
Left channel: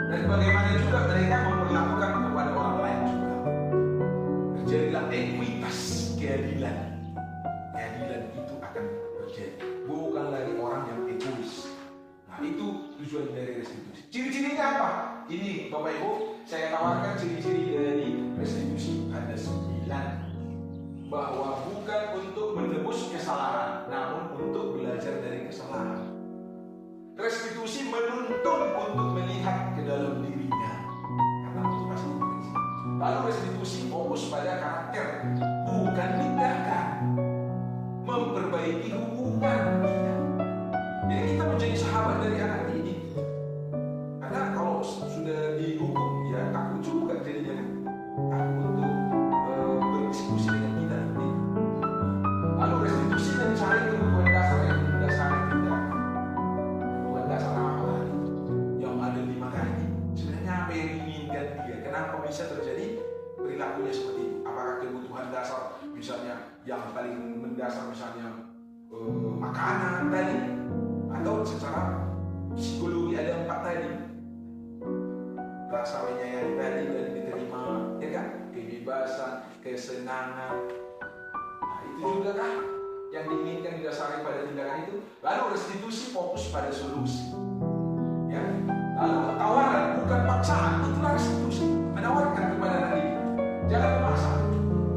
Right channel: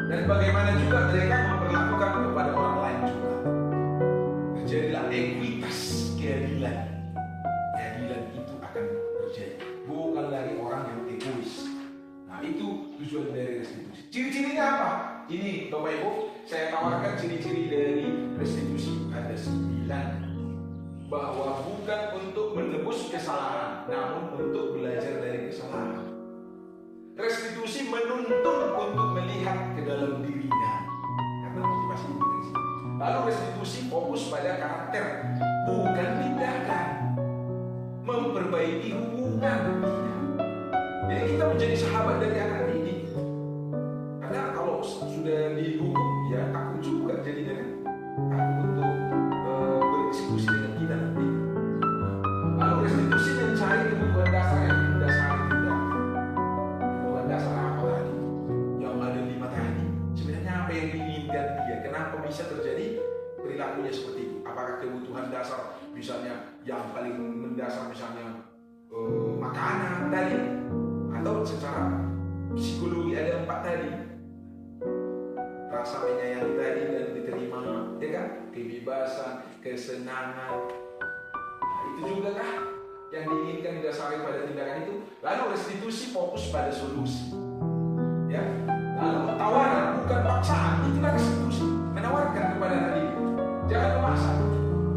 dan bagaimana juga mereka memperlakukan kepada orang lain juga. Terjadilah ekuitas, keadilan. Keadilan itu akan terjadi, bukan lagi orang yang egois. Nah, itu tujuan dari restitusi. Ciri-cirinya apa? Ini Bapak Ibu, saya tawarkan ciri-ciri dari restitusi. Ada 9. Bahwa bukan untuk menebus kesalahan, namun untuk belajar dari kesalahan. Restitusi menuntun untuk melihat ke dalam dirinya, karena motivasi prinsip. Lalu restitusi fokus pada karakter, bukan tindakan. Memperbaiki hubungan kita. Jadi kita menjadi sahabat dari anak didik. Karena kalau sudah dihukum, ya takut juga jadinya kan. Takut untuk berdiskusi dengan kita nanti. Lalu restitusi mencari kebutuhan dasar yang mendasari tindakan. Kebutuhan dasar apa tadi? Yang ada di mata hati. Sebenarnya apa yang diinginkan dia? Kenapa bisa terjadi perilakunya seperti itu? Apakah kebutuhan dasar misalnya yang paling mendasar misalnya makanan tadi, atau secara psikologi ada 4 tadi, rasa menyayang tadi dan diterima, ya kan, kebebasan, kesenangan. Nah, itu juga kah yang diinginkan didasari pada tindakan itu? Lalu restitusi fokus pada solusi, ya. Lalu tawaran bukan paksaan, itulah restitusi, menawarkan kepada diri, jangan memaksa.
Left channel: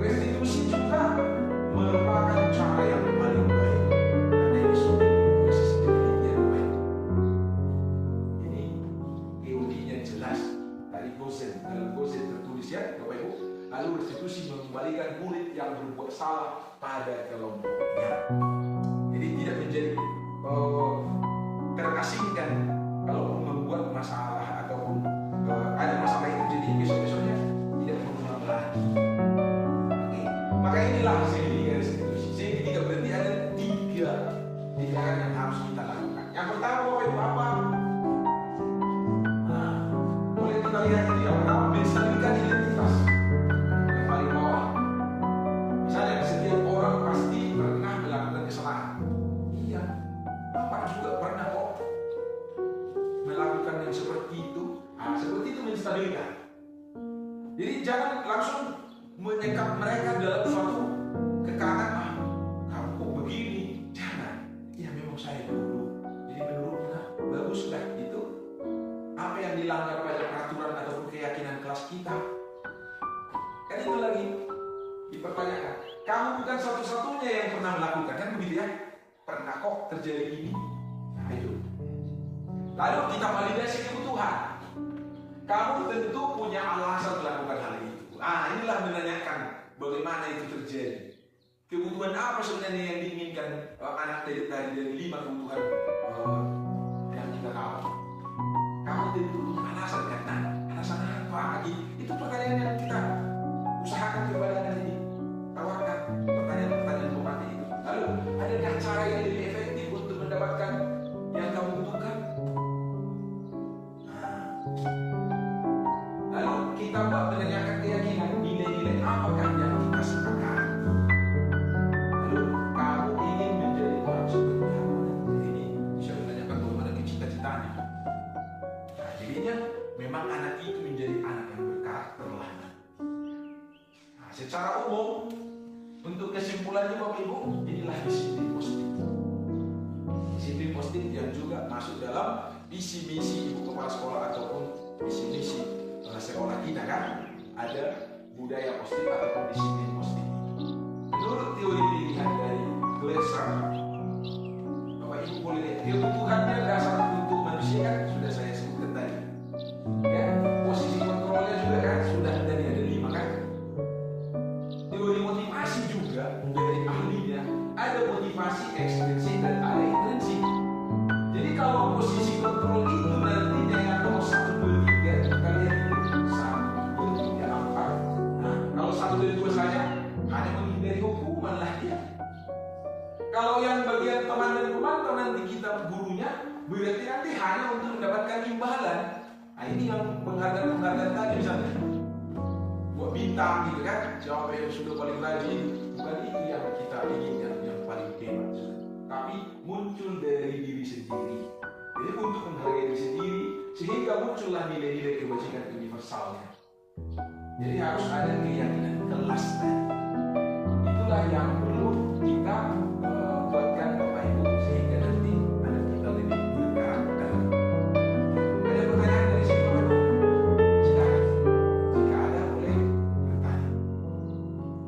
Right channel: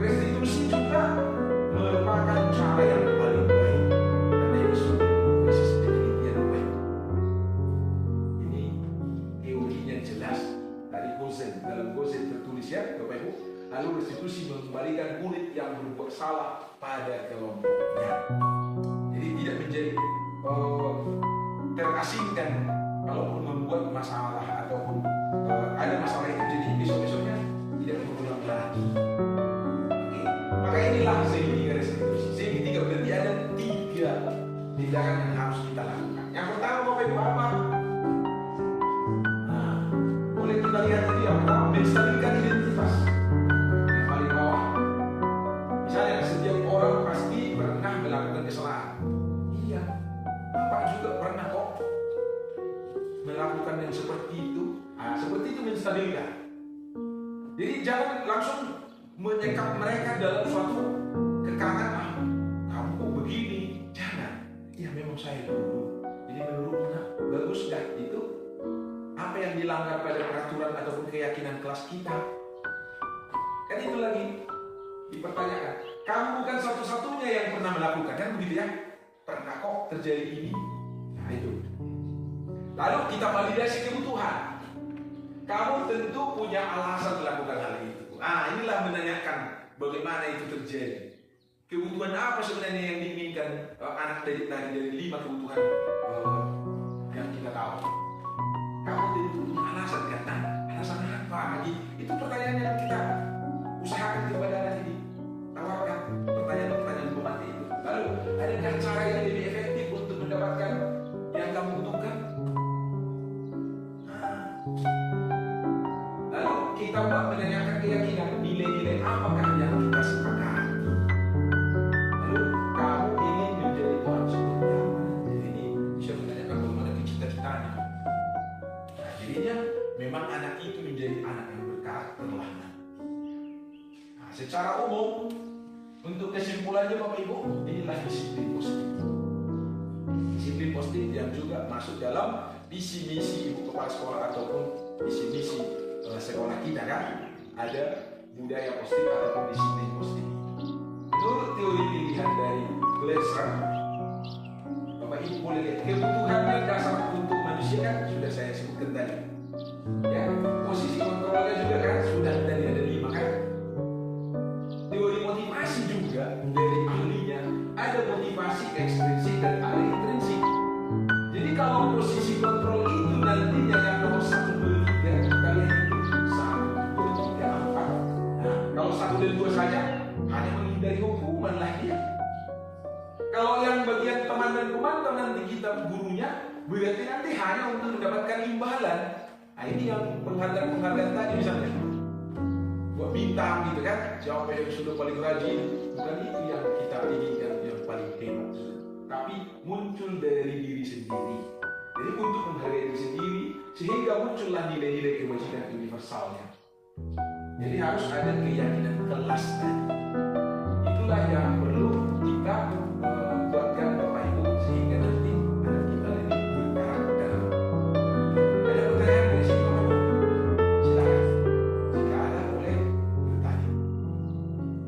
Restitusi juga merupakan cara yang paling baik, karena ini sudah basis penelitian baik. Ini teorinya jelas dari Gosen, dalam Gosen tertulis ya Bapak Ibu. Lalu restitusi mengembalikan murid yang berbuat salah pada kelompoknya. Jadi tidak menjadi terasingkan kalau membuat masalah ataupun ada masalah itu, jadi besok-besoknya tidak berulang lagi. Maka inilah segitiga restitusi. Segitiga berarti ada 3 tindakan yang harus kita lakukan. Yang pertama Bapak Ibu apa? Nah, boleh kita lihat ini yang pertama, menstabilkan identitas. Yang paling bawah, misalnya setiap orang pasti pernah melakukan kesalahan. Iya, Bapak juga pernah kok melakukan yang seperti itu. Nah, seperti itu menstabilkan. Jadi jangan langsung menyekap mereka dalam suatu kekakan. Kamu kok begini? Jangan. Ya memang saya dulu. Jadi menurutnya baguskah itu? Apa yang dilanggar pada peraturan ataupun keyakinan kelas kita? Kan itu lagi dipertanyakan. Kamu bukan satu-satunya yang pernah melakukan, kan begitu ya? Pernah kok terjadi ini? Nah itu. Lalu kita validasi kebutuhan. Kamu tentu punya alasan melakukan hal itu. Inilah menanyakan bagaimana itu terjadi. Kebutuhan apa sebenarnya yang diinginkan anak dari 5 kebutuhan yang kita tahu. Kamu tentu punya alasan kan? Nah, alasan apa lagi? Itu pertanyaan yang kita usahakan kepada anak ini. Tawarkan pertanyaan-pertanyaan pemati itu. Lalu, adakah cara yang lebih efektif untuk mendapatkan yang kamu butuhkan? Lalu kita menanyakan keyakinan, nilai-nilai apakah yang kita sepakati. Lalu kamu ingin menjadi orang seperti apa? Jadi ini bisa menanyakan bagaimana cita-citanya. Nah, jadinya memang anak itu menjadi anak yang berkarakter lah. Nah, secara umum untuk kesimpulannya Bapak Ibu, inilah disiplin positif. Disiplin positif yang juga masuk dalam visi misi ibu kepala sekolah ataupun visi misi sekolah kita kan, ada budaya positif ataupun disiplin positif. Menurut teori pilihan dari Glasser, Bapak Ibu boleh lihat kebutuhannya dasar untuk manusia kan sudah saya sebutkan tadi. Ya, posisi kontrolnya juga kan sudah tadi ada 5 kan. Teori motivasi juga dari ahlinya ada motivasi ekstrinsik dan ada intrinsik. Jadi kalau posisi kontrol itu nantinya yang nomor 1, 2, 3 kalian itu 1, 2, 3, 4. Nah, kalau 1 dan 2 saja hanya menghindari hukuman lah dia. Kalau yang bagian teman dan pemantau nanti kita gurunya, berarti nanti hanya untuk mendapatkan imbalan. Nah ini yang penghargaan tadi misalnya, buat bintang gitu kan, siapa yang sudah paling rajin, bukan itu yang kita inginkan, yang paling hebat. Tapi muncul dari diri sendiri. Jadi untuk menghargai diri sendiri, sehingga muncullah nilai-nilai kebajikan universalnya. Jadi harus ada keyakinan kelas tadi. Itulah yang perlu kita buatkan Bapak Ibu sehingga nanti anak kita lebih berkarakter. Ada pertanyaan dari sini Bapak Ibu? Silakan. Jika ada boleh bertanya.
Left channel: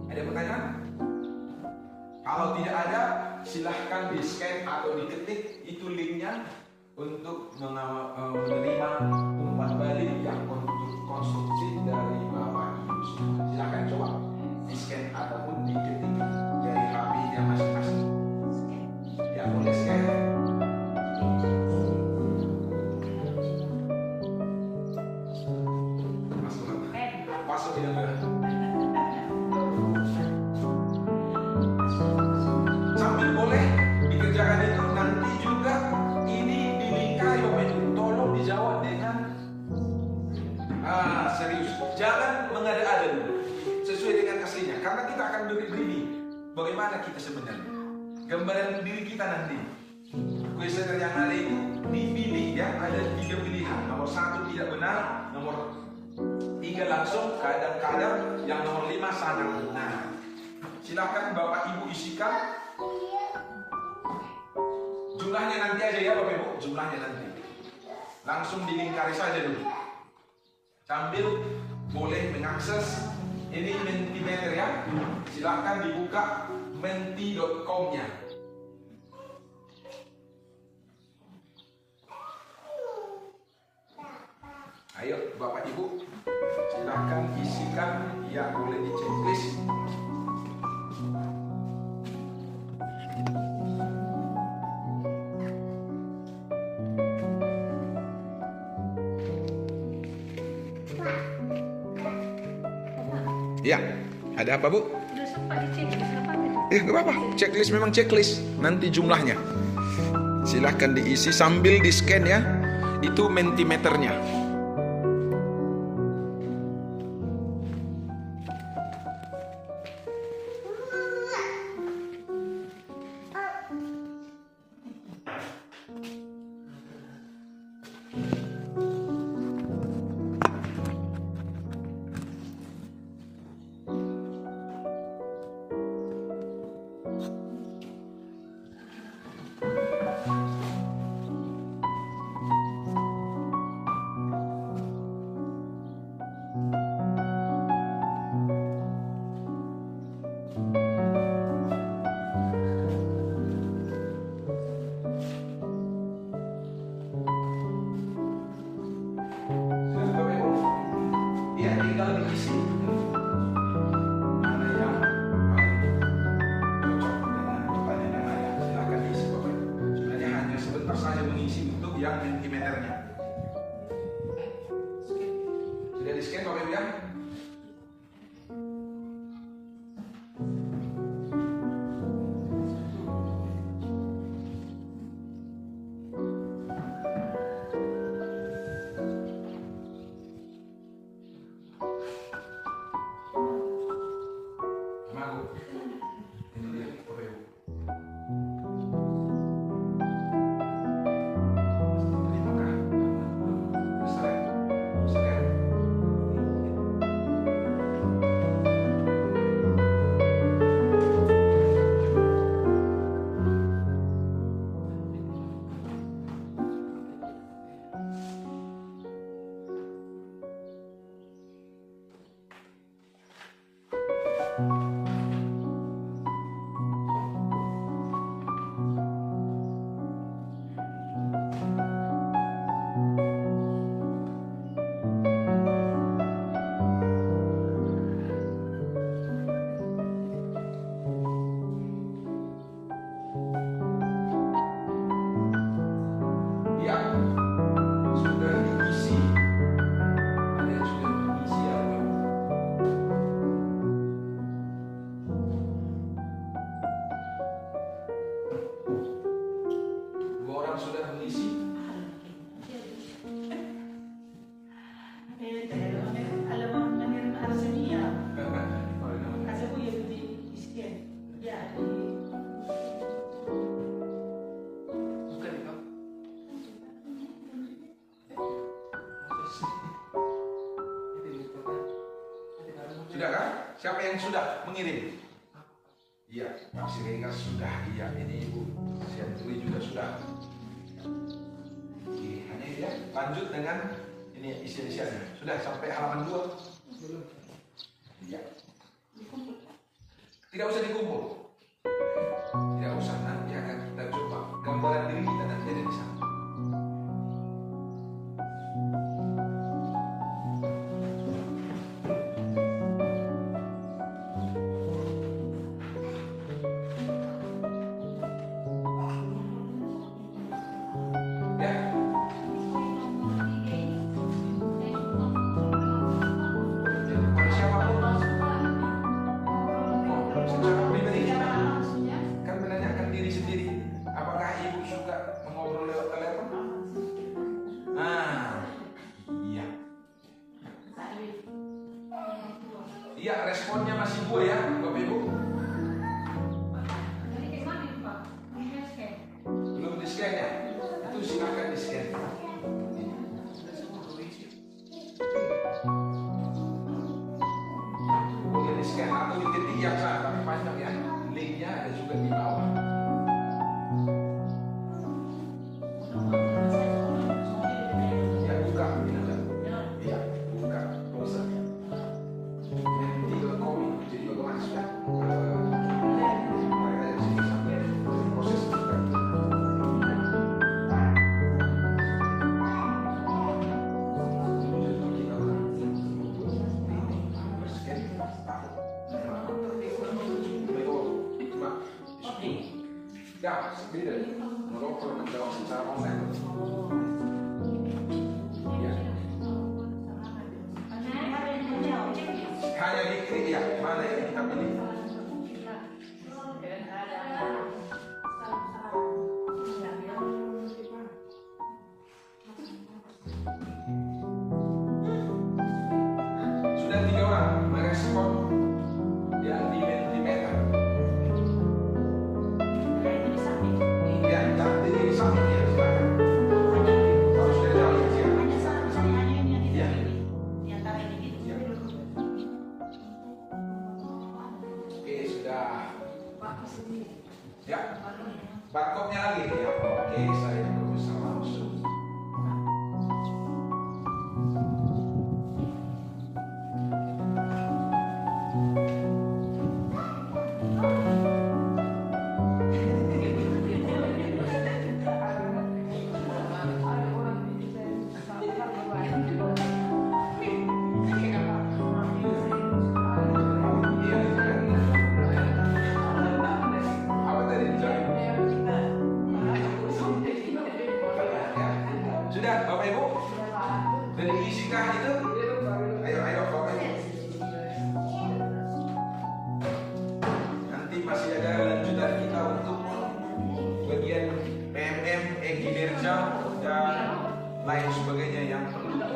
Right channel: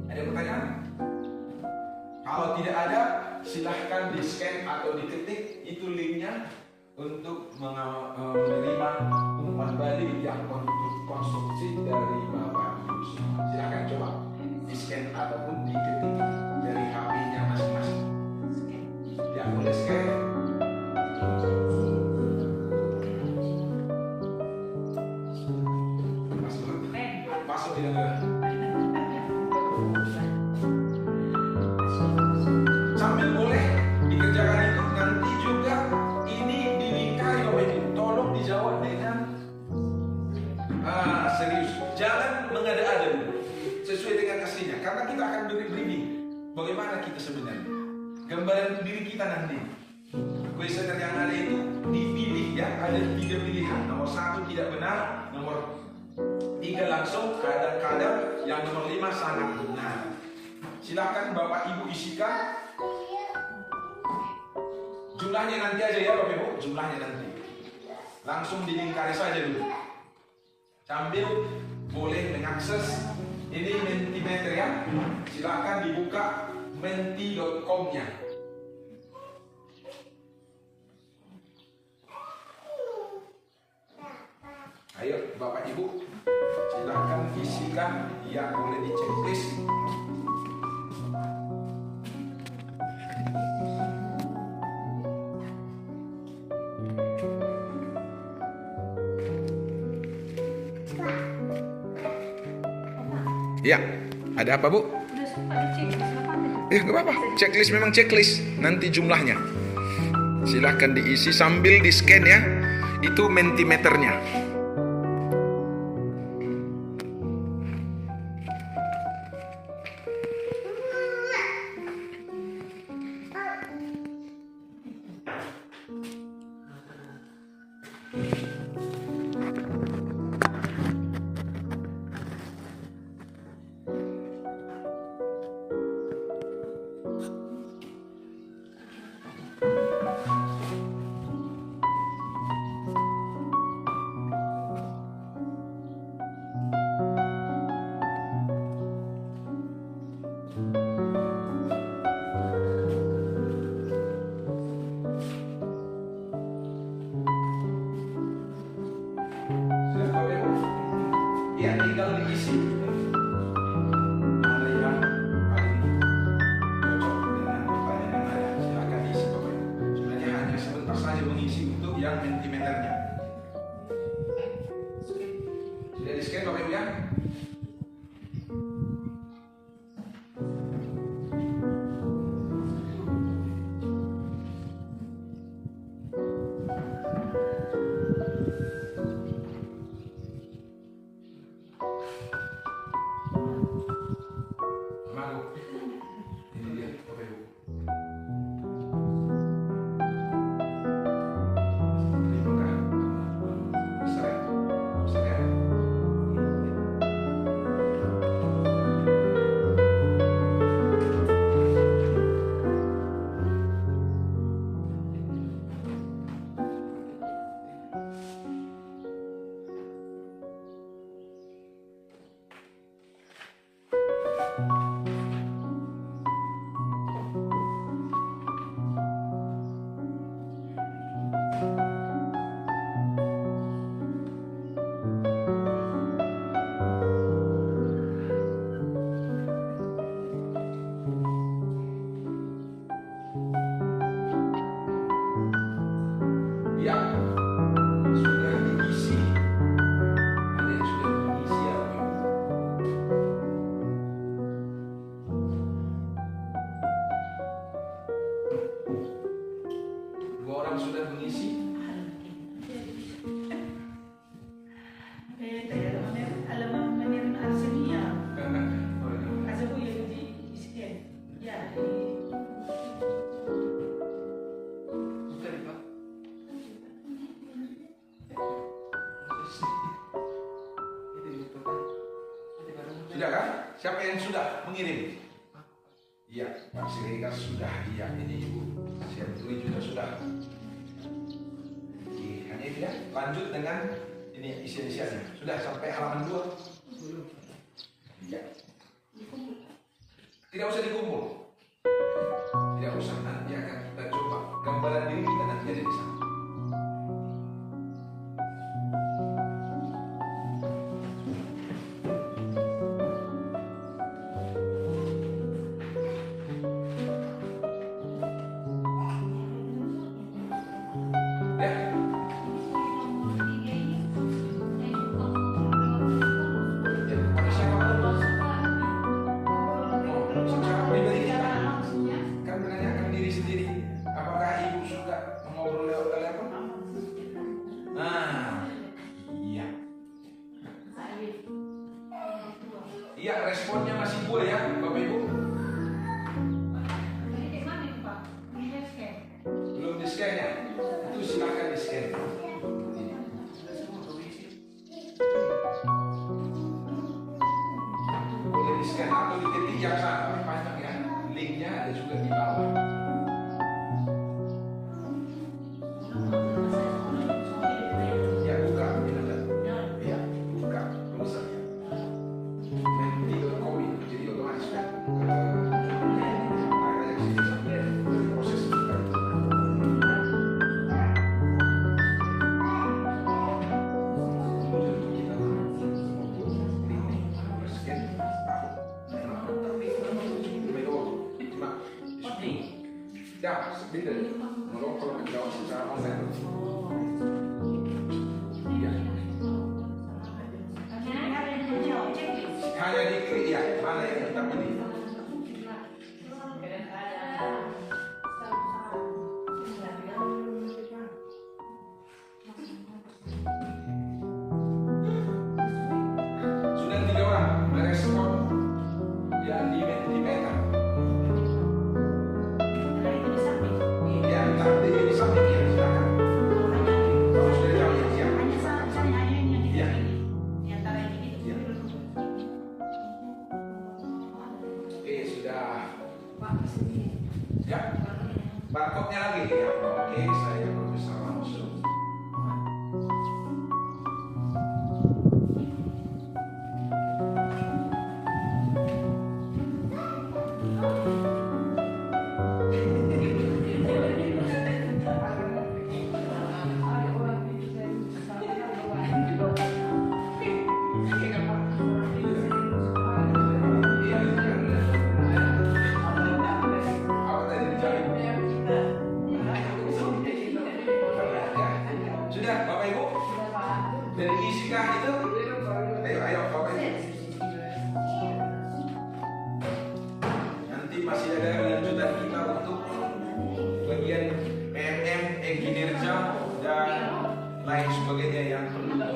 Ada pertanyaan? Kalau tidak ada, silahkan di scan atau diketik itu linknya untuk menerima umpan balik yang konstruktif dari Bapak Ibu semua. Silakan coba di scan ataupun diketik dari HP-nya masing-masing. Yang boleh scan. Masuk di dalam. Sambil boleh dikerjakan itu nanti juga ini dilingkari Bapak Ibu. Tolong dijawab dengan serius. Jangan mengada-ada dulu. Sesuai dengan aslinya. Karena kita akan beri briefing. Bagaimana kita sebenarnya. Gambaran diri kita nanti. Kuesioner yang ada itu dipilih ya. Ada 3 pilihan. Nomor 1 tidak benar. Nomor 3 langsung. Kadang-kadang yang nomor 5 sangat benar. Silakan Bapak Ibu isikan. Jumlahnya nanti aja ya Bapak Ibu. Jumlahnya nanti. Langsung dilingkari saja dulu. Sambil boleh mengakses ini Mentimeter ya. Silakan dibuka menti.com-nya. Ayo Bapak Ibu, silakan isikan yang boleh di checklist. Ya, ada apa Bu? Udah sempat dicek, silakan. Gak apa-apa, checklist memang checklist. Nanti jumlahnya silahkan diisi sambil di scan ya. Itu mentimeternya. Ya, tinggal diisi. Ada yang paling cocok dengan pertanyaan Anda, silakan diisi Bapak Ibu. Sebenarnya hanya sebentar saja mengisi untuk yang mentimeternya. Sudah di scan Bapak Ibu ya? kawan sudah mengisi? Alamat menerima Arsenio. Ada bu yang di scan. Ya di. Bukan itu. Sudah kan? Siapa yang sudah mengirim? Iya, Pak Siregar sudah. Iya, ini Ibu Sianturi juga sudah. Hanya itu ya. Lanjut dengan ini isi-isiannya. Sudah sampai halaman 2? Belum. Iya. Tidak usah dikumpul. Tidak usah, nanti akan kita coba gambaran diri kita nanti ada di sana. Iya, responnya masih 2 ya, Bapak Ibu. Belum di scan ya? Itu silakan di scan. Boleh di scan atau diketik yang sana, tapi panjang ya. Linknya ada juga di bawah. Ya, buka, ini ada. Iya, buka, bisa. Jadi otomatis kan ada yang sini sampai proses buka. Jadi kita membuat scan ya beda kalau menjawab secara online. Hanya diklik ya, mana yang kita pilih. Sudah 3 orang merespon yang di Meta. Ya, nanti di samping ya, silakan. Kalau sudah jauh ya, siap. Ya. Ya, barcode-nya lagi ya. Oke, saya bisa langsung. Sudah, Bapak Ibu? Dari isikah itu? Ayo, Bapak Ibu. Nanti masih ada lanjutan kita untuk bagian PMM, kinerja, dan lain sebagainya yang perlu kita.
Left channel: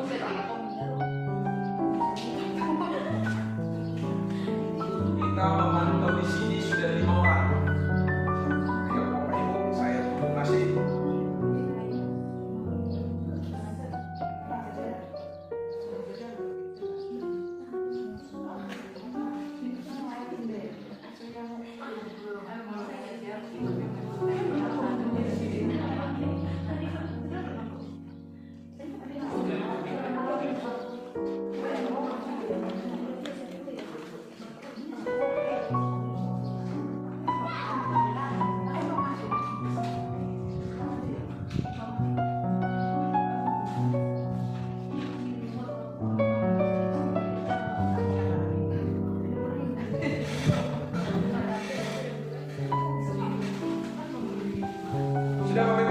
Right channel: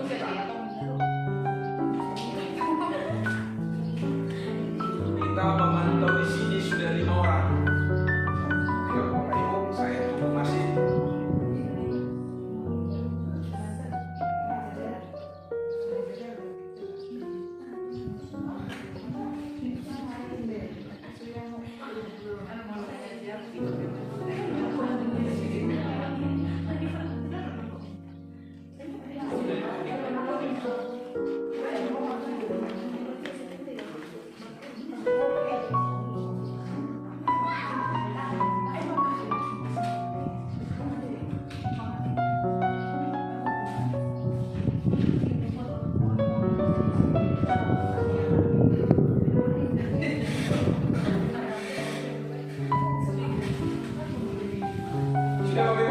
Kita memantau di sini sudah 5 orang. Ayo, Bapak Ibu, saya tunggu masih. Sudah, Bapak Ibu?